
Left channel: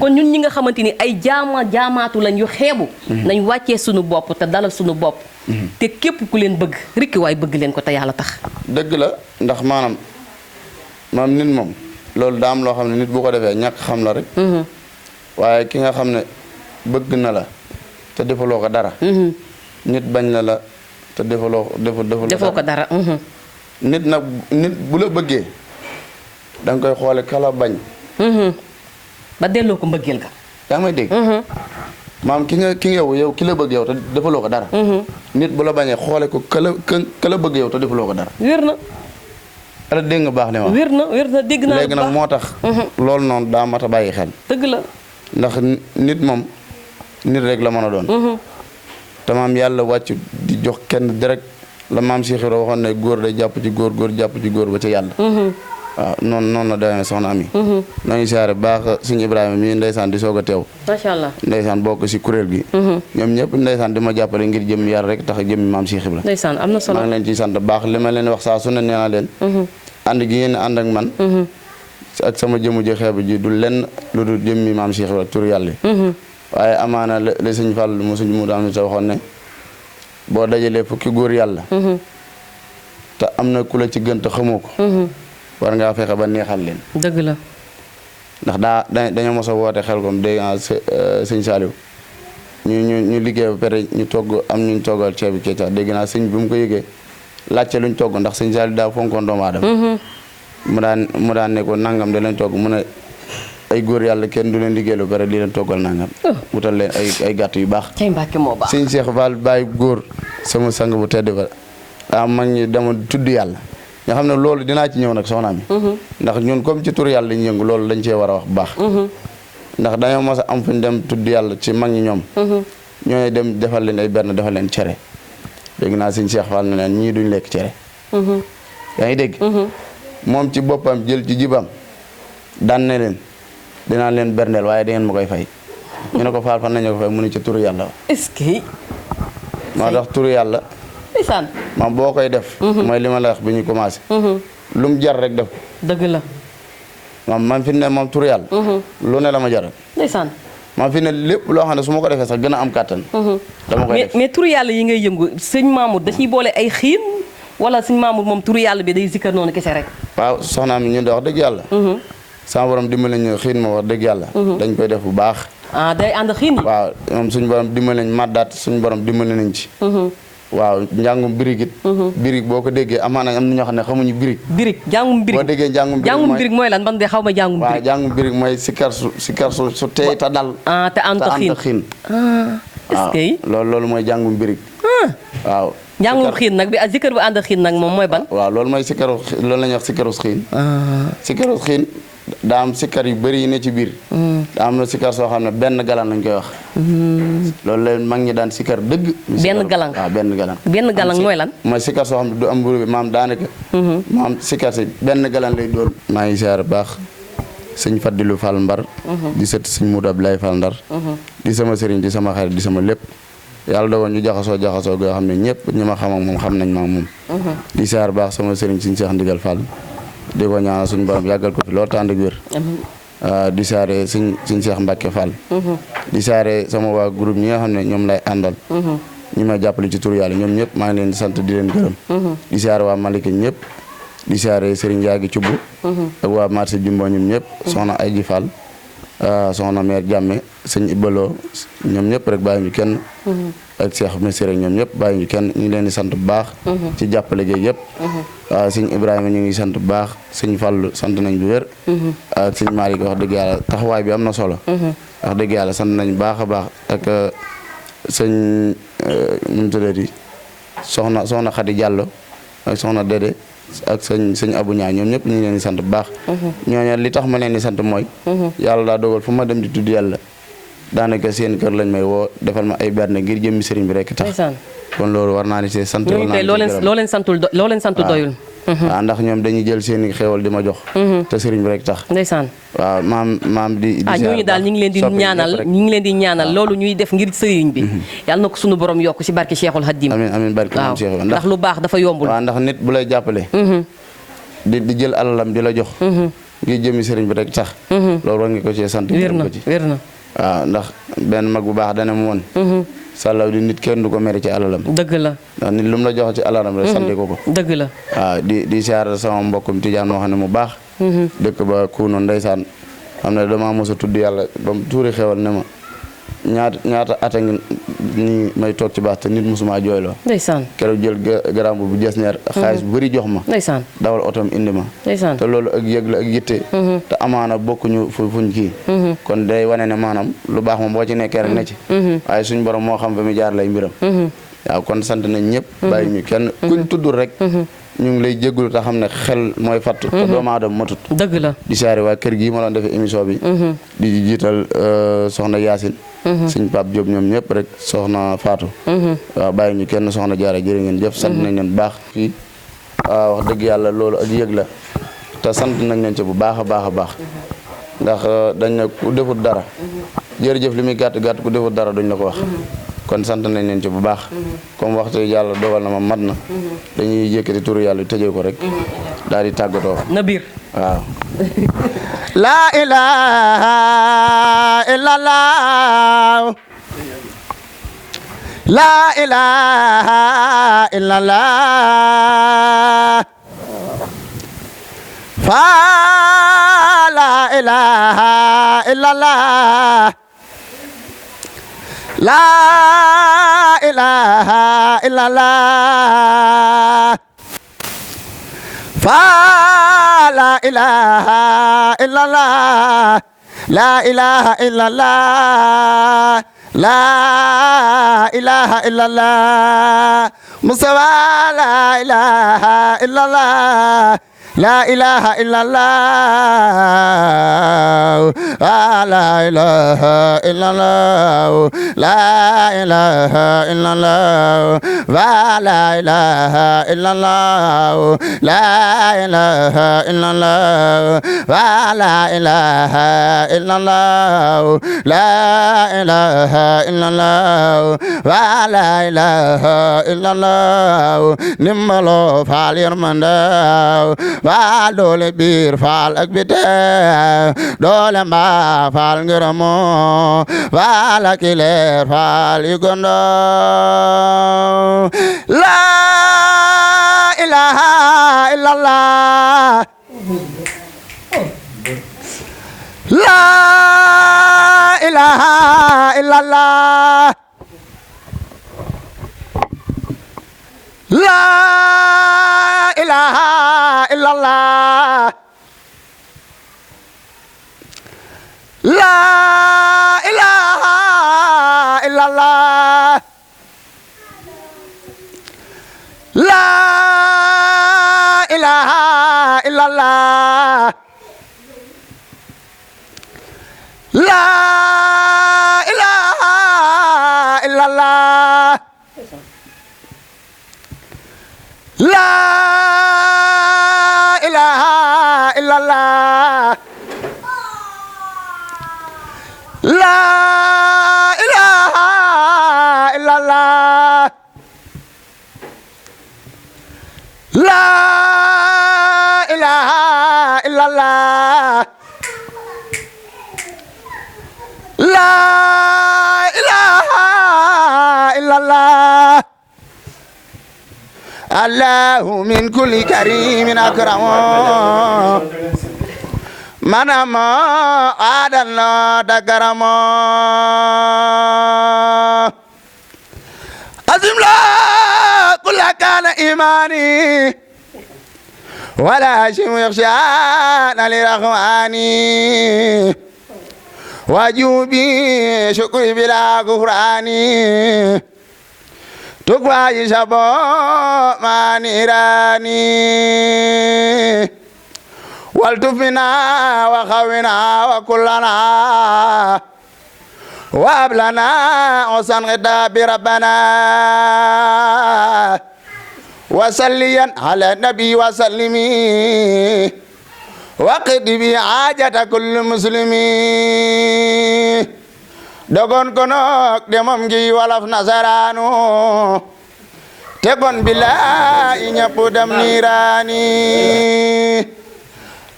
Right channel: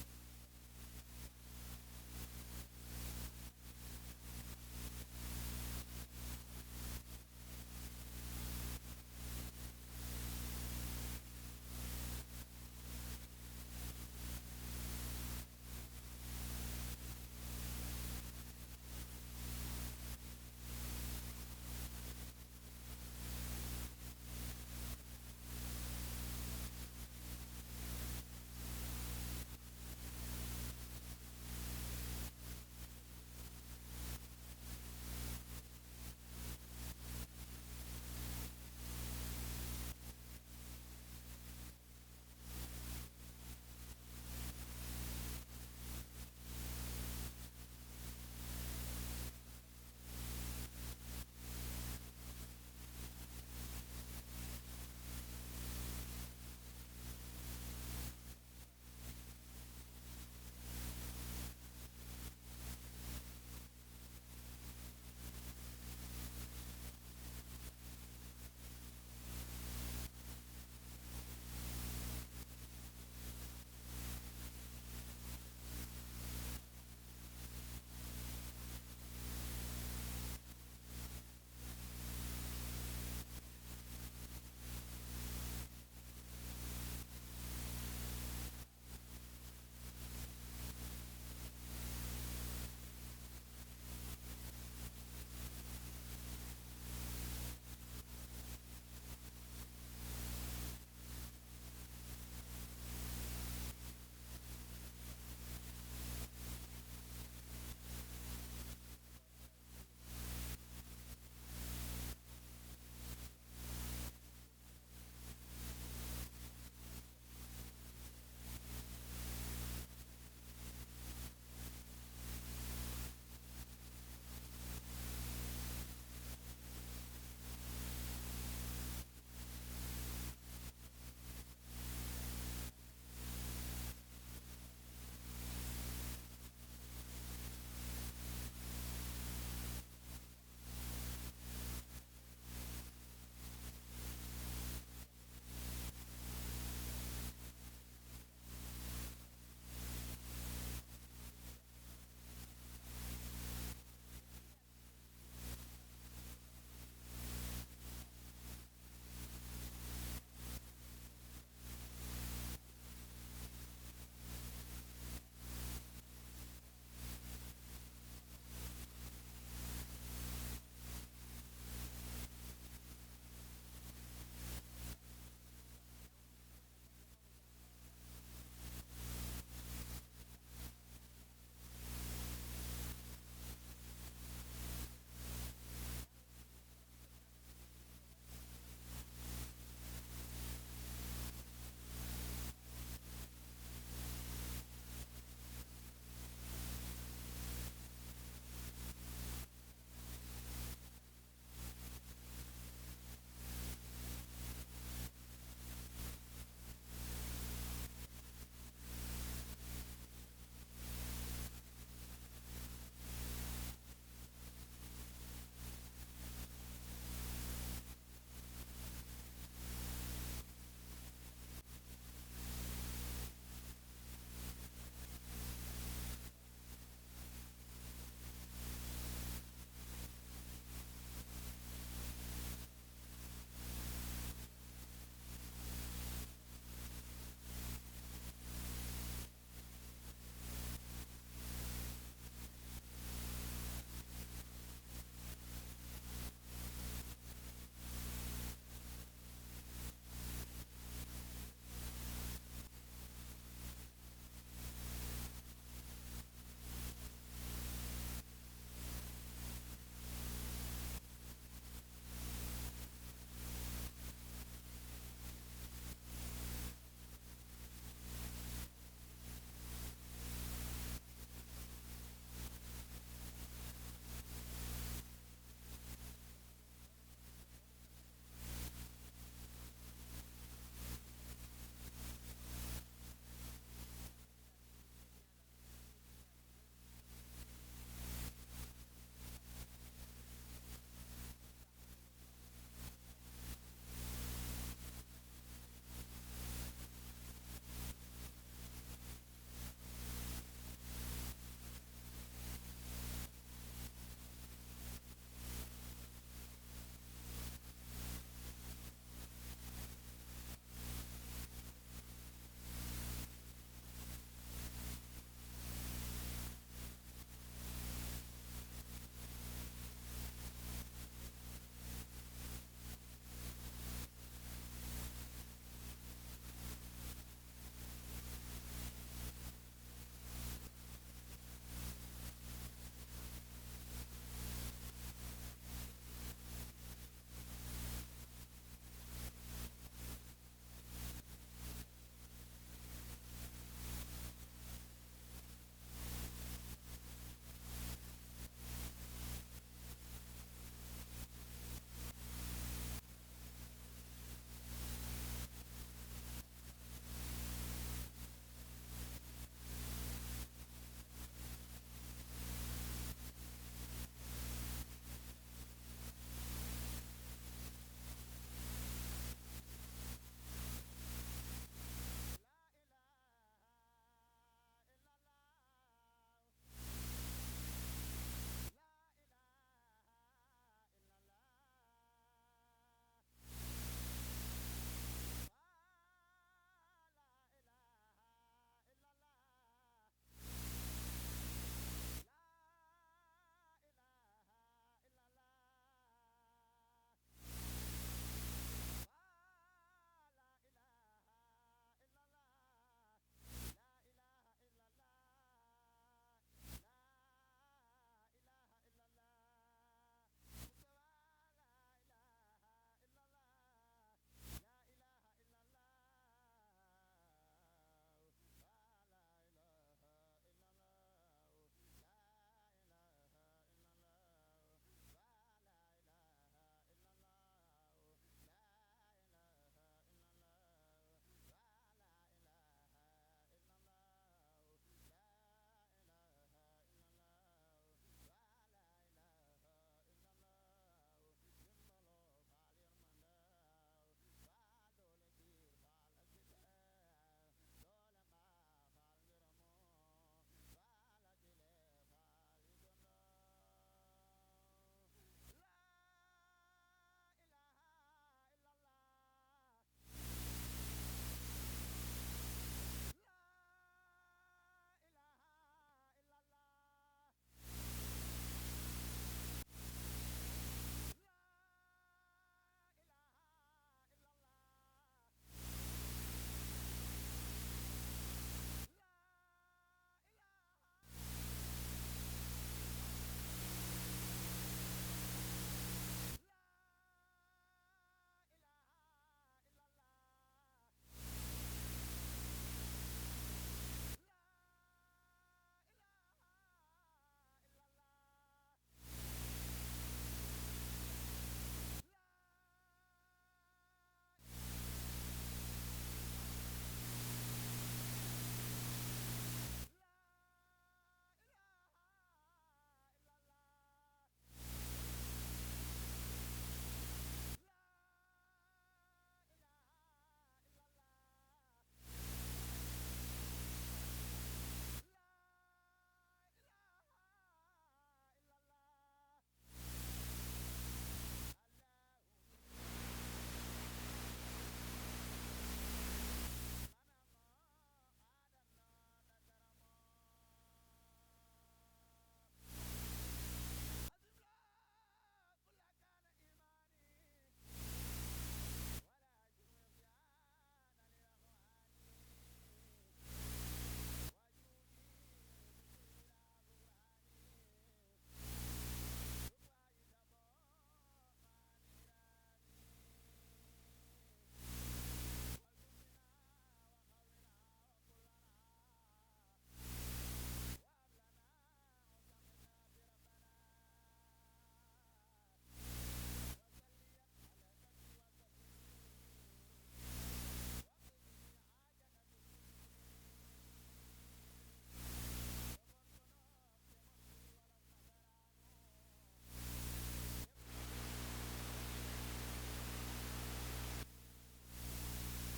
kon ñun ñi nga xamante ni ay jaamaatu lañ yu xeebu nañ wàccee suñu bopp te dalal suñu bopp te képp ku leen bëgg rikki waay bëgg leen ko te yàlla tax dëgg la ndax maanaam nit moom loolu daa am loo xam ne nit bu ko defee ñàkk xam la rek waaye ki nga xam ne bëgg na la te defaloo ko dara nit bañ la te defoo ko dara. nit nag nit bu la bëggee da nga koy xoole kala bañ. ba delloo ko mbëggeel ga. yaa ngi may dégg. maam ki nga yow ki la bëgg yow te defaloo ko dara. nit bu la bañee xoole ko ka la bëgg yow te defaloo ko dara. wér na. ala dégg nga baax li ma. wér na dégg naa léegi nag moo tax. loolu noonu daa mat a bàyyi xel. dëgg la. ndax nit moom nit rek la mën a doon. te maam yàlla wàcc di jox kenn direct la maam Cheikh Ibra waxoon ne góor day jàpp ci góor jàpp ci góor ba ca yàlla. waaw noonu la demee soxna Ami. noo ngi siyaare baax suñu Ibrahima mii ndeysaan di soog a teew. macha allah ndeysaan bokk si kuréel gi. ñoom ñëpp ndeysaan di ma jàppale ngir jëm yàlla rek tax jëmmi maam Cheikh Ibra. ndeysaan am na solo maa ngi leen ciy sant baax li ma leen wax saa su ne nee naa leen. ànd gi ngeen ànd ak man. ak sama jëmu ji xeebu ji du lenn lu dul jëmmi maam Cheikh Ibra tur yàlla. waaye amaana la sëñ Fall mu suñ mu daam sa waxoon ne boo dajalee fukki góor yàlla te am na ku la ci gën te xamoo ko war ngaa fexe ba neexal leen dëgg la ndax dañoo mos a woote xel kom dégg nga sëñ Saliou ñu liggéey ba pare ñu togg am ñu toggal ceebu kecax dégg naa sëñ bi mu ko yëgee laajte luñ togg ndax sëñ Saliou daa fonkoon doomu aadama mu daan ne ko nangam da leen togg mu ne ay góor yàlla kenn du leen liggéey lu pare di leen toggal nangam wutal leen ay gàtt yu baax cay Mbàkke moo baax sëñ Cheikh Fall Baye góor sama sang bu tedd ba mag ñi dama tudd yàlla nga xam ne loolu dinaa ci ñëw nag soxna mi ndax ñun comme ci tur yàlla ñu yëngu loolu dañ cee war a wax bu baax ndax dañoo mos a am fu ñu dem tudd yàlla ci mag ñi ñoom ñooy dem defal leen ay benn defal leen cere dégg naa sëñ Cheikh Fall ne leen ñii duñ lekk cere yaa ngi dégg moom ci boppam jël ci jibam daan ne leen dinaa leen berndeel waaye da ngeen ma koy fay ñu ne ko Fall fan nañu ko fay mu ne ci turu yàlla wa est-ce que moo tax turu yàlla ndeysaan maam boo koy def mooy li ma la wax bi ñu commencé lu mu jar rek def dëgg la man fi ne moom turu yàlla lu ne la ma jaral ndeysaan man fi ne lépp loo xam ne su ma ko defee sax gën a am kàttan dama koy def mais turu yàlla yi ngay yëngu sëñ Mamour da ciy boole ay xiin wala sëñ Mamour moom turu yàlla bi day zikkar noonu kese rek waaw soxnaam ñun de wax dëgg yàlla sama borom dimbali ñu xiin ma wax dëgg yàlla dañ koy def bu baax day ànd xiin yi waaw moom suñu borom dimbali nañ maddaat suñu borom dimbali nañ ci waaw njàngum birig it birig boo ko déggee amaana am na ñoo xam ne xamuñu birig jàngum birig boo déggee njàngum birig mooy lan man de xaw ma jàngum birig waaw jàngum birig mooy sikar su teey ta dal te ànd xiin est-ce que loolu mooy jàngum birig waaw njàngum xiin nag bi zikar bu ànd xiin nag moom mooy ban waaw loolu mooy sikaru loolu la ñuy wax sikaru xiin sikaru xiin daa am sikar yu bëri yi ne ci biir daa am na sikar soo xam ne benn galan lañ koy wax loolu leen mag ñi daan sikar dëgg benn galan waaw benn galan mooy lan mooy sikar soo xam ne du am mburu bi maam daanaka maam sikar si benn galan lay doon maa ngi siyaar baax sëñ Fadilou Fall Mbar di sët sëñ Moudou Abdoulaye Fall Ndar di sama sëriñ di sama xarit di sama lépp yàlla dogoon ñu jaxasoo goo xam ne ñëpp ñi ma xam ak moom xam nañ ma ak moom di siyaar baax sama sëriñ sëñ Cheikh Ndigal Fall di ko ñaanal suñu borom yàggal ko fi loolu tànd ak wér di saare suñ Cheikh Mbacke Fall di saare sama waa groupe ñi nga xam ne ñoom lay àndal ñi may jàppale ci tur yàlla ñoom ñëpp maa ngi leen di sant di leen gërëm di saare waa Malika ñëpp di saare Serigne Yaagi Cubb ak waa marché Jumbo ñoom ñëpp soxna Ayji Fall soxna mère Jàmme sëñ Ibaloo ñoom ñëpp rek bàyyi ñu kenn ak Cheikh Messere ñoom ñëpp bàyyi ñu kenn ñu ngi leen di sant bu baax ci jàppale géeg yëpp waaw sëñ Ibrahima ñu ngi sant bu baax sëñ Fallu sant nañ bu wér ak sëñ Malick wax dëgg yàlla taxawaay bi am na solo wax dëgg yàlla sant nañ baax a baax ak sëñ nu mu tuddati soxna Xadi Jàllo ak soxna Dédé ak sëñ Abu Ñaa ñoom ñëpp ñu ngi leen di sant bu baax ñooñu li tax ma leen di sant mooy yàlla daa dogal fu ma dem di tudd yàlla daanaka seen kër lañ may woo defal ma ay berne ngir jëmmi sëriñ bi rek tax kon loolu war naa ni see sant loo leen santul doyul waaw ndax ñoom dañuy jël seen i xéewal di ma jox te sëriñ bi rek tax ndeysaan waaw maam di ñooñu daal ñu ngi leen di ñaanal loolu ñuy def ngir sëriñ bi yàlla na ko sunu borom yokk ci barke Cheikhul Khadim amiin barke moom Cheikh ndax lu baax dafa yombul waaw ndax nit bu lay jàppale di jël alalam di la jox ngir jëmmi sëriñ bi rek tax loolu war nga ko ci sant wér na waaw ndax benn mag bu baax dana mu woon sàllaw di nit kenn du ko mere ci alalam dëgg la ndax nit lu mu la jox ci alalam rek sante ko dëgg la waaw di siyaar sama mbokkum Tijaan moo xam ne mu baax dëkk ba kuunoon ndeysaan xam ne dama mos a tudd yàlla ba mu tuuri xewal ne ma ñaata ata ngi nii may toog ci baax te nit mosuma jooyloo ndeysaan keroog jël garam bu jes neer xaalis bu bëri jox ma ndeysaan dawal otom indi ma ndeysaan te loolu ak yëg la ak yitte te amaana bokkuñu fuñ kii kon day wane ne maanaam lu baax moom boo ci nekkee rek ne ci waaye suñ borom moo xam fa mi jaar lay mbiram waaw kon sant nañ ñëpp bàyyi ñu kenn kuñ tuddul rek ñu ngi lay jégalu te xam ne xel mooy fattu te doomu aadama matut dëgg la di saare waa kër gii ma doon defee émission bi di jiital soxna Yaasin suñ Pape Diop ñoom ñëpp rek soxna Fatou waaw bàyyi ñu kenn soxna Jaara jërë ngeen jëf sant nañ leen baax fii waaw wax dëgg yàlla loolu ak yëg la te sant nañ leen ci bu baax a baax a baax ndax dañ ne ku defut dara jërëjëf li muy gàtt gàtt ku defut dara duñ la ko wax kon sant nañ leen ci bu baax comme waxtu yàlla dogal na ma mat na dañuy yëkkati turu yàlla tëjee ko rek daal di tàggatoo na biir waaw la ilaha illallah la ilaha illallah fa la ilaha illallah La ilaha illallah. Fa la ilaha illallah. La ilaha illallah. La ilaha illallah. Mustafa la ilaha illallah. La ilaha illallah. La ilaha illallah. La ilaha illallah. La ilaha illallah. La ilaha illallah. La ilaha illallah. La ilaha illallah. La ilaha illallah. Nimmalo faal yërmande waa doole biir faal ak biti doole mbaa faal ngërëmo faal ak leer faal yu gondo la ilaha illallah la ilaha illallah la ilaha illallah la ilaha illallah la ilaha illallah la ilaha illallah la ilaha illallah la ilaha illallah la ilaha illallah la ilaha illallah Allahu min kulli karimin akramo manamo adalno dagaramo azim la kulla kana imani wala shimu yakhshana lirahmani wajubi shukri bila kufrani tukwayi sabo manirani waltufina wa khawina wa kullana wa ablana usan ghida bi rabbana wa salliyan ala nabi wa sallimi wa qidi bi hajata kulli muslimi dogon konok demam gi walaf nasaranu tegon billahi ñepp dem nirani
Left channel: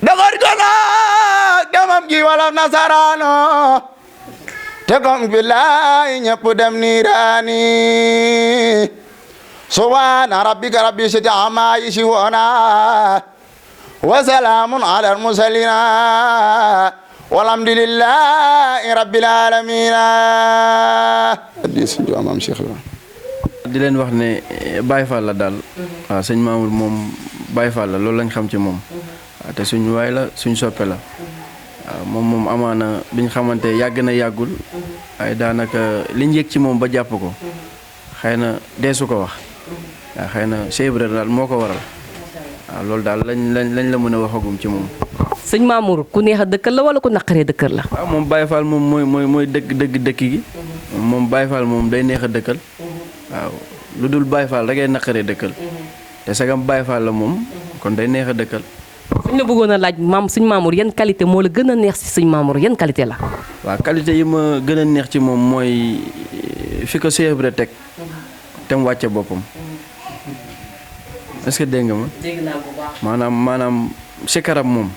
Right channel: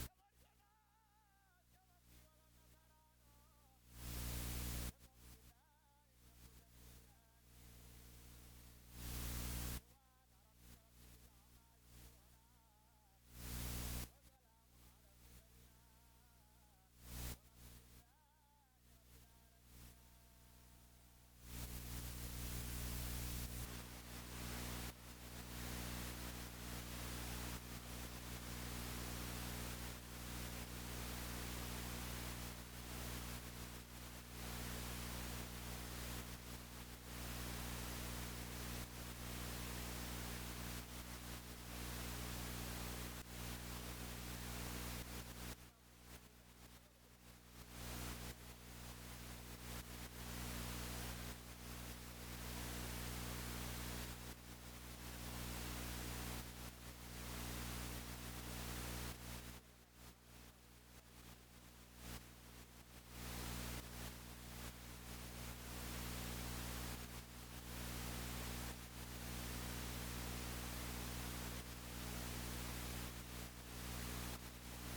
dogon konok demam gi walaf nasaranu tegon billahi ñepp dem nirani subhana rabbika rabbil izzati amma yasifuna wa salamun ala al mursalin walhamdulillahi rabbil alamin di suñu maam Cheikh la di leen wax ne Baye Fall la daal waaw sëñ Mamour moom Baye Fall la loolu lañ xam ci moom waaw te suñu waay la suñ soppe la waaw moom amaana biñ xamante yàgg na yàggul waaye daanaka liñ yëg ci moom ba jàpp ko xëy na deesu ko wax waaw xëy na Cheikh Ibra daal moo ko waral waaw loolu daal lañ la mën a waxagum ci moom. sëñ Mamour ku neex a dëkkal la wala ku naqaree dëkkal la. waaw moom Baye Fall moom mooy dëkk gi moom Baye Fall moom day neex a dëkkal waaw lu dul Baye Fall da ngay naqaree dëkkal te sagam Baye Fall la moom kon day neex a dëkkal. suñ la bëggoon a laaj sëñ Mamour yan qualité moo la gën a neex si sëñ Mamour yan qualité la. waaw qualité yi ma gën a neex ci moom mooy fi ko Cheikh Ibra teg te mu wàcce boppam est-ce que dégg nga ma. dégg naa bu baax. maanaam sikaram moom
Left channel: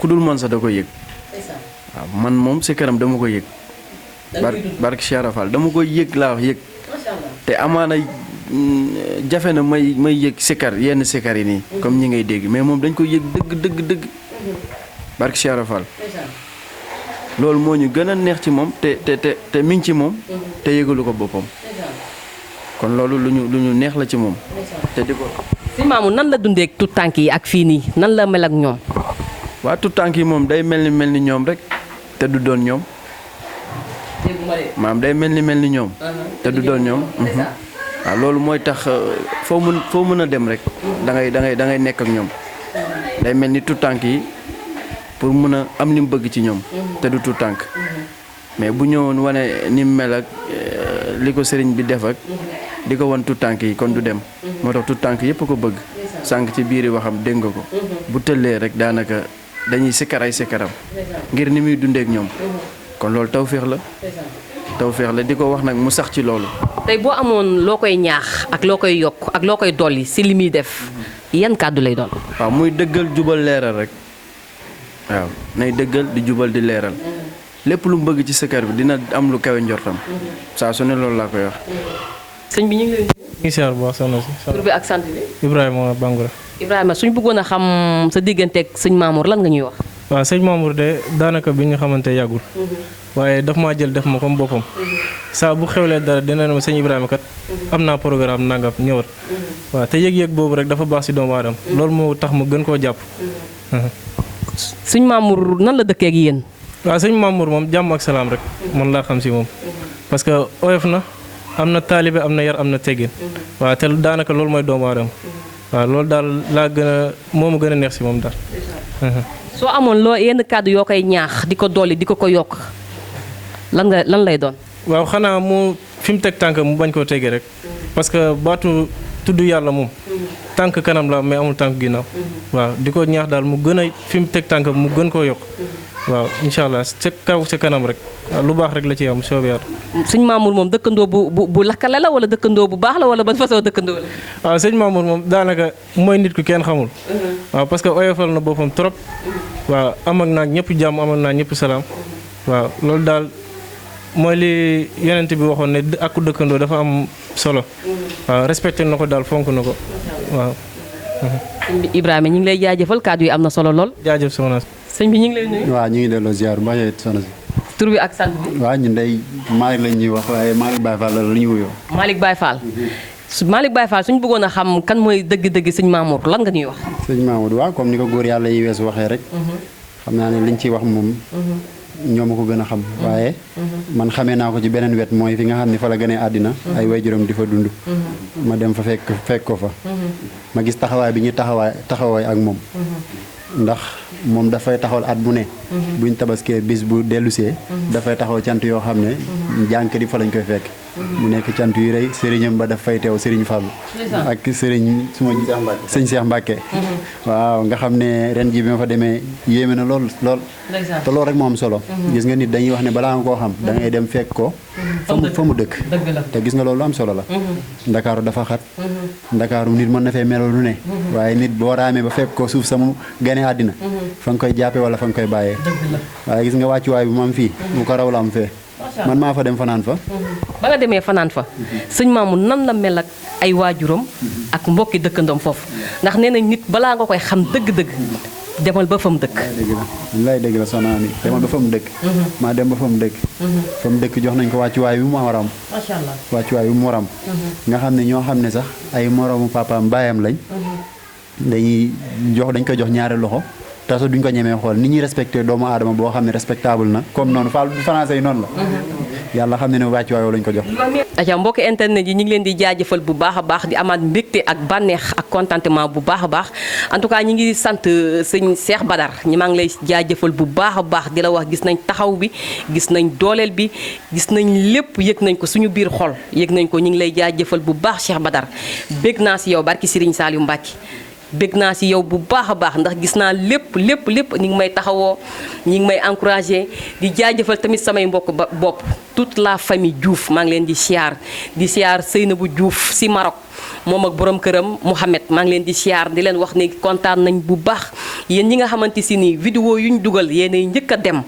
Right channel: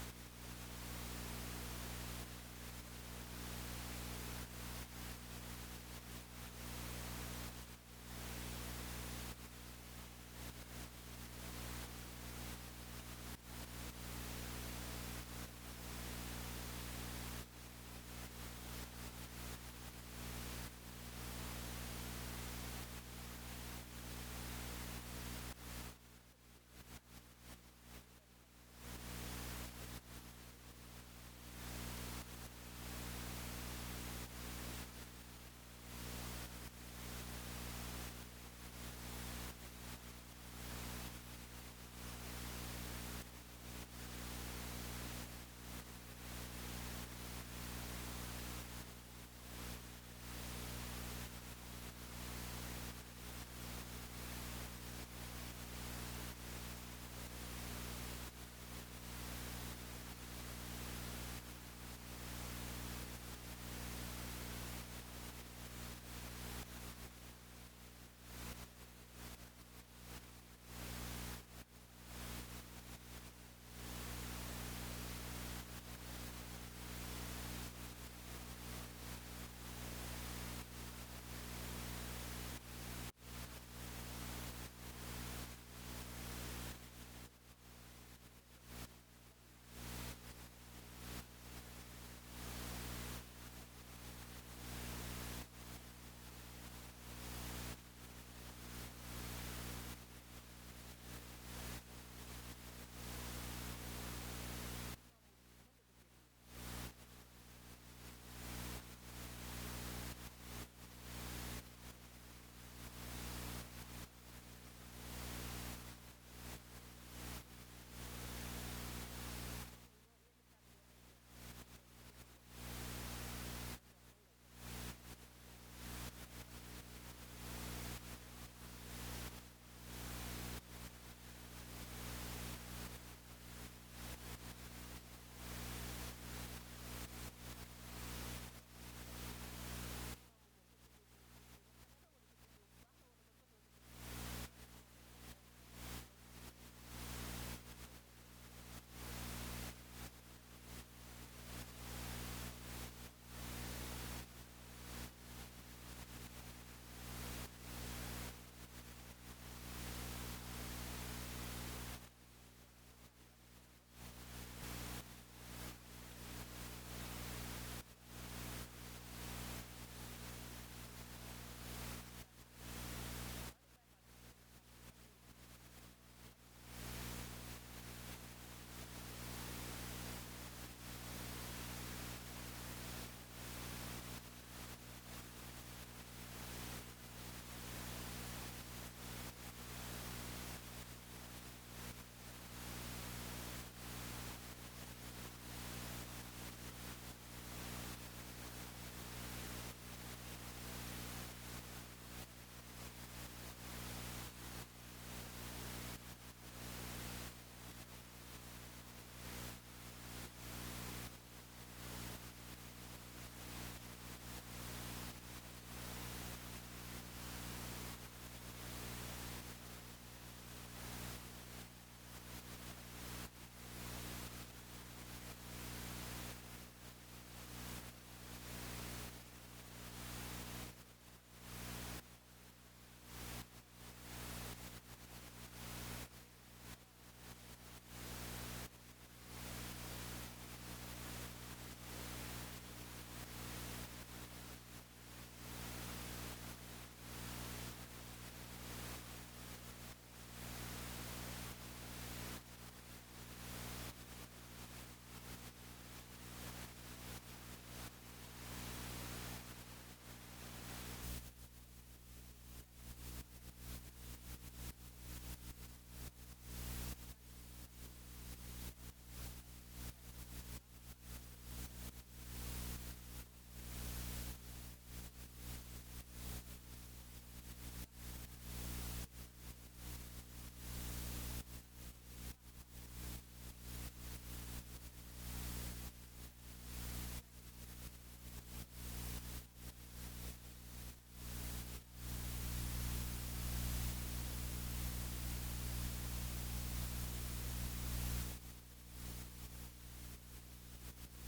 ku dul man sax da koy yëg waaw man moom sikaram dama koy yëg barke Cheikh Rafal dama koy yëg laa wax yëg te amaana jafe na may yëg sikar yenn sikar yi nii comme ñi ngay dégg mais moom dañ koy yëg dëgg barke Cheikh Rafal loolu moo ñu gën a neex ci moom te mi ngi ci moom te yëgalu ko boppam kon loolu lu ñu neex la ci moom te di ko sëñ Mamour nan la dundee ak tout tànk yi ak fii nii nan la mel ak ñoom. waa tout tànk yi moom day mel ni ñoom rek te du doon ñoom maam day mel ni ñoom te du doon ñoom waaw loolu mooy tax foo mën a dem rek da ngay nekk ak ñoom day mel ni tout tànk yi pour mën a am li mu bëgg ci ñoom te du tout tànk mais bu ñëwoon wane ni mu mel ak li ko sëriñ bi def ak di ko wan tout tànk yi kon du dem moo tax tout tànk yëpp ko bëgg sànq ci biiri waxam dégg nga ko bu tëllee rek daanaka dañuy sikkar ay sikkaram ngir ni muy dundeek ñoom kon loolu tawféex la di ko wax nag mu sax ci loolu. tey boo amoon loo koy ñaax ak loo koy yokk ak loo koy dolli si li muy def yan kàddu lay doon. waaw muy dëggal jubal leeral rek waaw nay dëggal di jubal di leeral lépp lu mu bëgg ci sikkar bi dina am lu kawe njortam saa su ne loolu laa koy wax. sëñ bi ñu ngi lay nuyu. ngi siyaar bu baax soxna si. tur bi ak sant bi. Ibrahima Bangoura. Ibrahima suñ bëggoon a xam sa digganteeg sëñ Mamour lan nga ñuy wax. waaw sëñ Mamour de daanaka bi ñu xamante yàggul. waaye daf maa jël def ma comme boppam. saa bu xewlee dara dina ne ma sëñ Ibrahima kat am naa programme nangam ñëwat. waaw te yëg-yëg boobu rek dafa baax si doomu aadama loolu moo tax ma gën koo jàpp. sëñ Mamour nan la dëkkee ak yéen. waaw sëñ Mamour moom jàmm ak salaam rek man laa xam si moom. parce que oyof na am na taalibe am na yar am na teggin. waaw te daanaka loolu mooy doomu aadama. waaw loolu daal laa gën a moo ma gën a neex si moom daal. soo amoon loo yenn kàddu yoo koy ñaax di ko dolli di ko yokk lan lay doon. waaw xanaa mu fi mu teg tànk mu bañ koo tegee rek parce que baatu tudd yàlla moom tànk kanam la mais amul tànk ginnaaw. waaw di ko ñaax daal mu gën a fi mu teg tànk mu gën koo yokk. waaw incha allah ca kaw ca kanam rek lu baax rek la ci am soobee yàlla. sëñ Mamour moom dëkkandoo bu lakkale la wala dëkkandoo bu baax la wala ban façon dëkkandoo la. waaw sëñ Mamour moom daanaka mooy nit ku kenn xamul. waaw parce que oyofal na boppam trop. waaw am ak naag ñëpp jàmm am ak naag ñëpp salaam. waaw loolu daal mooy li yonent bi waxoon ne ak dëkkandoo dafa am solo. waaw respecté na ko daal fonk na ko waaw. Ibrahima ñu ngi lay jaajëfal kàddu yi am na solo lool. jaajëf soxna si. sëñ bi ñu ngi lay nuyu. waaw ñu ngi delloo ziar bu baax soxna si. tur bi ak sant bi. waaw ñun day Malick lañ ñuy wax waaye Malick Baye Fall la ñuy wuyoo. Malick Baye Fall. Malick Baye Fall suñu bëggoon a xam kan mooy dëgg-dëgg sëñ Mamour lan nga ñuy wax. sëñ Mamour waaw comme ni ko góor yàlla yi weesu waxee rek. xam naa ne liñ ciy wax moom. ñoo ma ko gën a xam. waaye man xamee naa ko ci beneen wet mooy fi nga xam ne fa la gënee àddina. ay waajuram di fa dund. ma dem fa fekk ko fa. ma gis taxawaay bi ñuy taxawaay ak moom. ndax moom dafay taxawal at bu ne. buñ tabaskee bis bu dellusee. dafay taxaw cant yoo xam ne jànk di fa lañ koy fekk. mu nekk cant yu rëy sëriñam ba daf fay teew sëriñ Fallou. ak sëriñ suma sëñ Cheikh Mbacke. waaw nga xam ne ren ji bi ma fa demee yéeme na lool. te loolu rek moo am solo. gis nga nit dañuy wax ne balaa nga koo xam da ngay dem fekk ko. fa mu dëkk. te gis nga loolu am solo la. ndakaaru dafa xat. ndakaaru nit mën na fee meloo lu ne. waaye nit boo raamee ba fekk ko suuf sama gane àddina. fa nga koy jàppee wala fa nga koy bàyyee. waaye gis nga wàccuwaay bu mu am fii bu ko raw la am fee. man maa fa dem fanaan fa. ba nga demee fanaan fa sëñ Mamour nan la mel ak ay waajuram ak mbokki dëkkandoom foofu ndax nee nañ nit balaa nga koy xam dëgg-dëgg demal ba fa mu dëkk. dëgg la soxna Ami demal ba fa mu dëkk. maa dem ba fa mu dëkk. fa mu dëkk jox nañ ko wàccuwaay bi mu war a am. macha allah wàccuwaay bi mu war a am. nga xam ne ñoo xam ne sax ay moroomu papaam baayam lañ. dañ koy jox ñaari loxo. te sax duñ ko ñemee xool ni ñuy respecté doomu aadama boo xam ne respectable na comme noonu français yi noonu la. yàlla xam ne ne wàcc waayoo lañ ko jox. aca mbokki internet yi ñu ngi leen di jaajëfal bu baax a baax di amaat mbégte ak bànneex ak contentement bu baax a baax en tout cas ñi ngi sant sëñ Cheikh Badar ñi maa ngi lay jaajëfal bu baax a baax di la wax gis nañ taxaw bi gis nañ dooleel bi gis nañ lépp yëg nañ ko suñu biir xol yëg nañ ko ñu ngi lay jaajëfal bu baax Cheikh Badar bég naa si yow barki Serigne Saliou Mbacke bég naa si yow bu baax a baax ndax gis naa lépp ñi ngi may taxawoo ñi ngi may encouragé di jaajëfal tamit samay mbokk bopp toute la famille Diouf maa ngi leen di siyaar Seynabou Diouf si Maroc moom ak borom këram Mouhamed maa ngi leen di siyaar di leen wax ne kontaan nañ bu baax yéen ñi nga xamante si ni vidéo yu ñu dugal yéenay njëkk a dem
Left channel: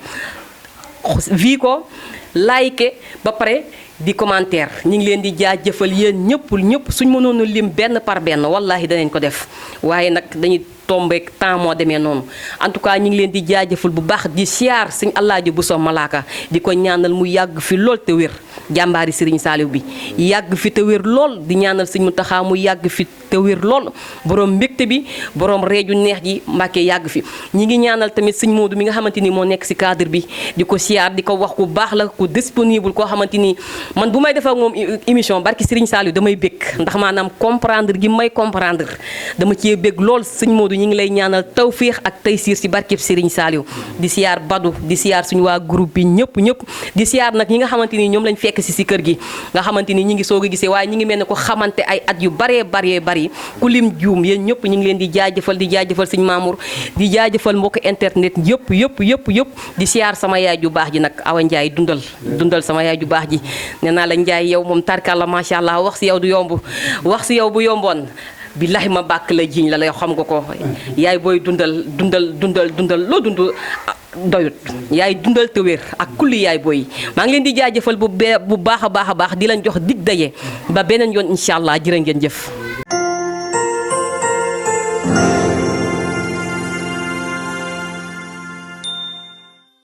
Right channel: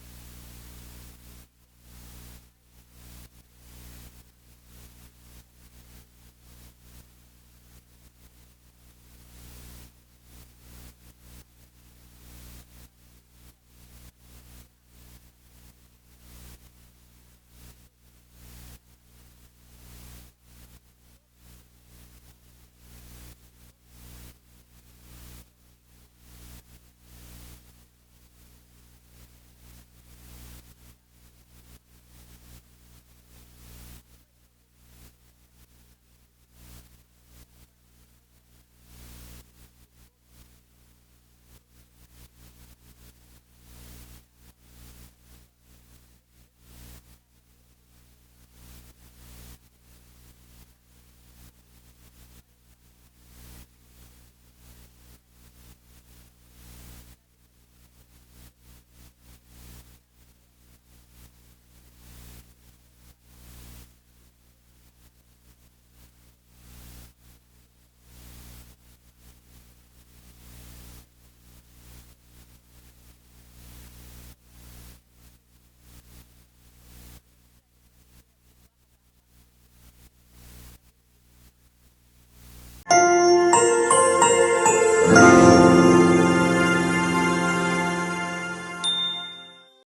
vi ko like ba pare di commentaire ñi ngi leen di jaajëfal yéen ñëpp suñ mënoon a lim benn par benn wallaahi danañ ko def waaye nag dañuy tombeek temps moo demee noonu en tout cas ñu ngi leen di jaajëfal bu baax di siyaar sëñ Alaaji Bousso Malaka di ko ñaanal mu yàgg fi lool te wér jàmbaari Serigne Saliou bi yàgg fi te wér lool di ñaanal sëñ Mountakha mu yàgg fi te wér lool borom mbégte bi borom reeju neex ji Mbàkke yàgg fi ñi ngi ñaanal tamit sëñ Modou mi nga xamante ni moo nekk si cadre bi di ko siyaar di ko wax ku baax la ku disponible koo xamante ni man bu may def ak moom émission barki Serigne Saliou damay bég ndax maanaam comprendre gi may comprendre dama cee bég lool sëñ Modou ñi ngi lay ñaanal tawféex ak taysiir si barkeb Serigne Saliou di siyaar Badou di siyaar suñu waa groupe bi ñëpp di siyaar nag ñi nga xamante ni ñoom lañ fekk si kër gi nga xamante ni ñi ngi soog a gisee waaye ñi ngi mel ne ko xamante ay at yu baree bari ku lim juum yéen ñëpp ñi ngi leen di jaajëfal sëñ Mamour di jaajëfal mbokk internet yëpp di siyaar sama yaay ju baax ji nag Awa Ndiaye dundal sama yaay ju baax ji nee naa la Ndiaye yow moom tarkalla macha allah wax si yow du yomb wax si yow bu yomboon billahi ma bàkk la jiñ la xam nga ko yaay booy dundal loo dund doyut yaay dundal te wér ak kulli yaay booy maa ngi leen di jaajëfal bu baax a baax di leen jox dig daje ba beneen yoon incha allah jërë ngeen jëf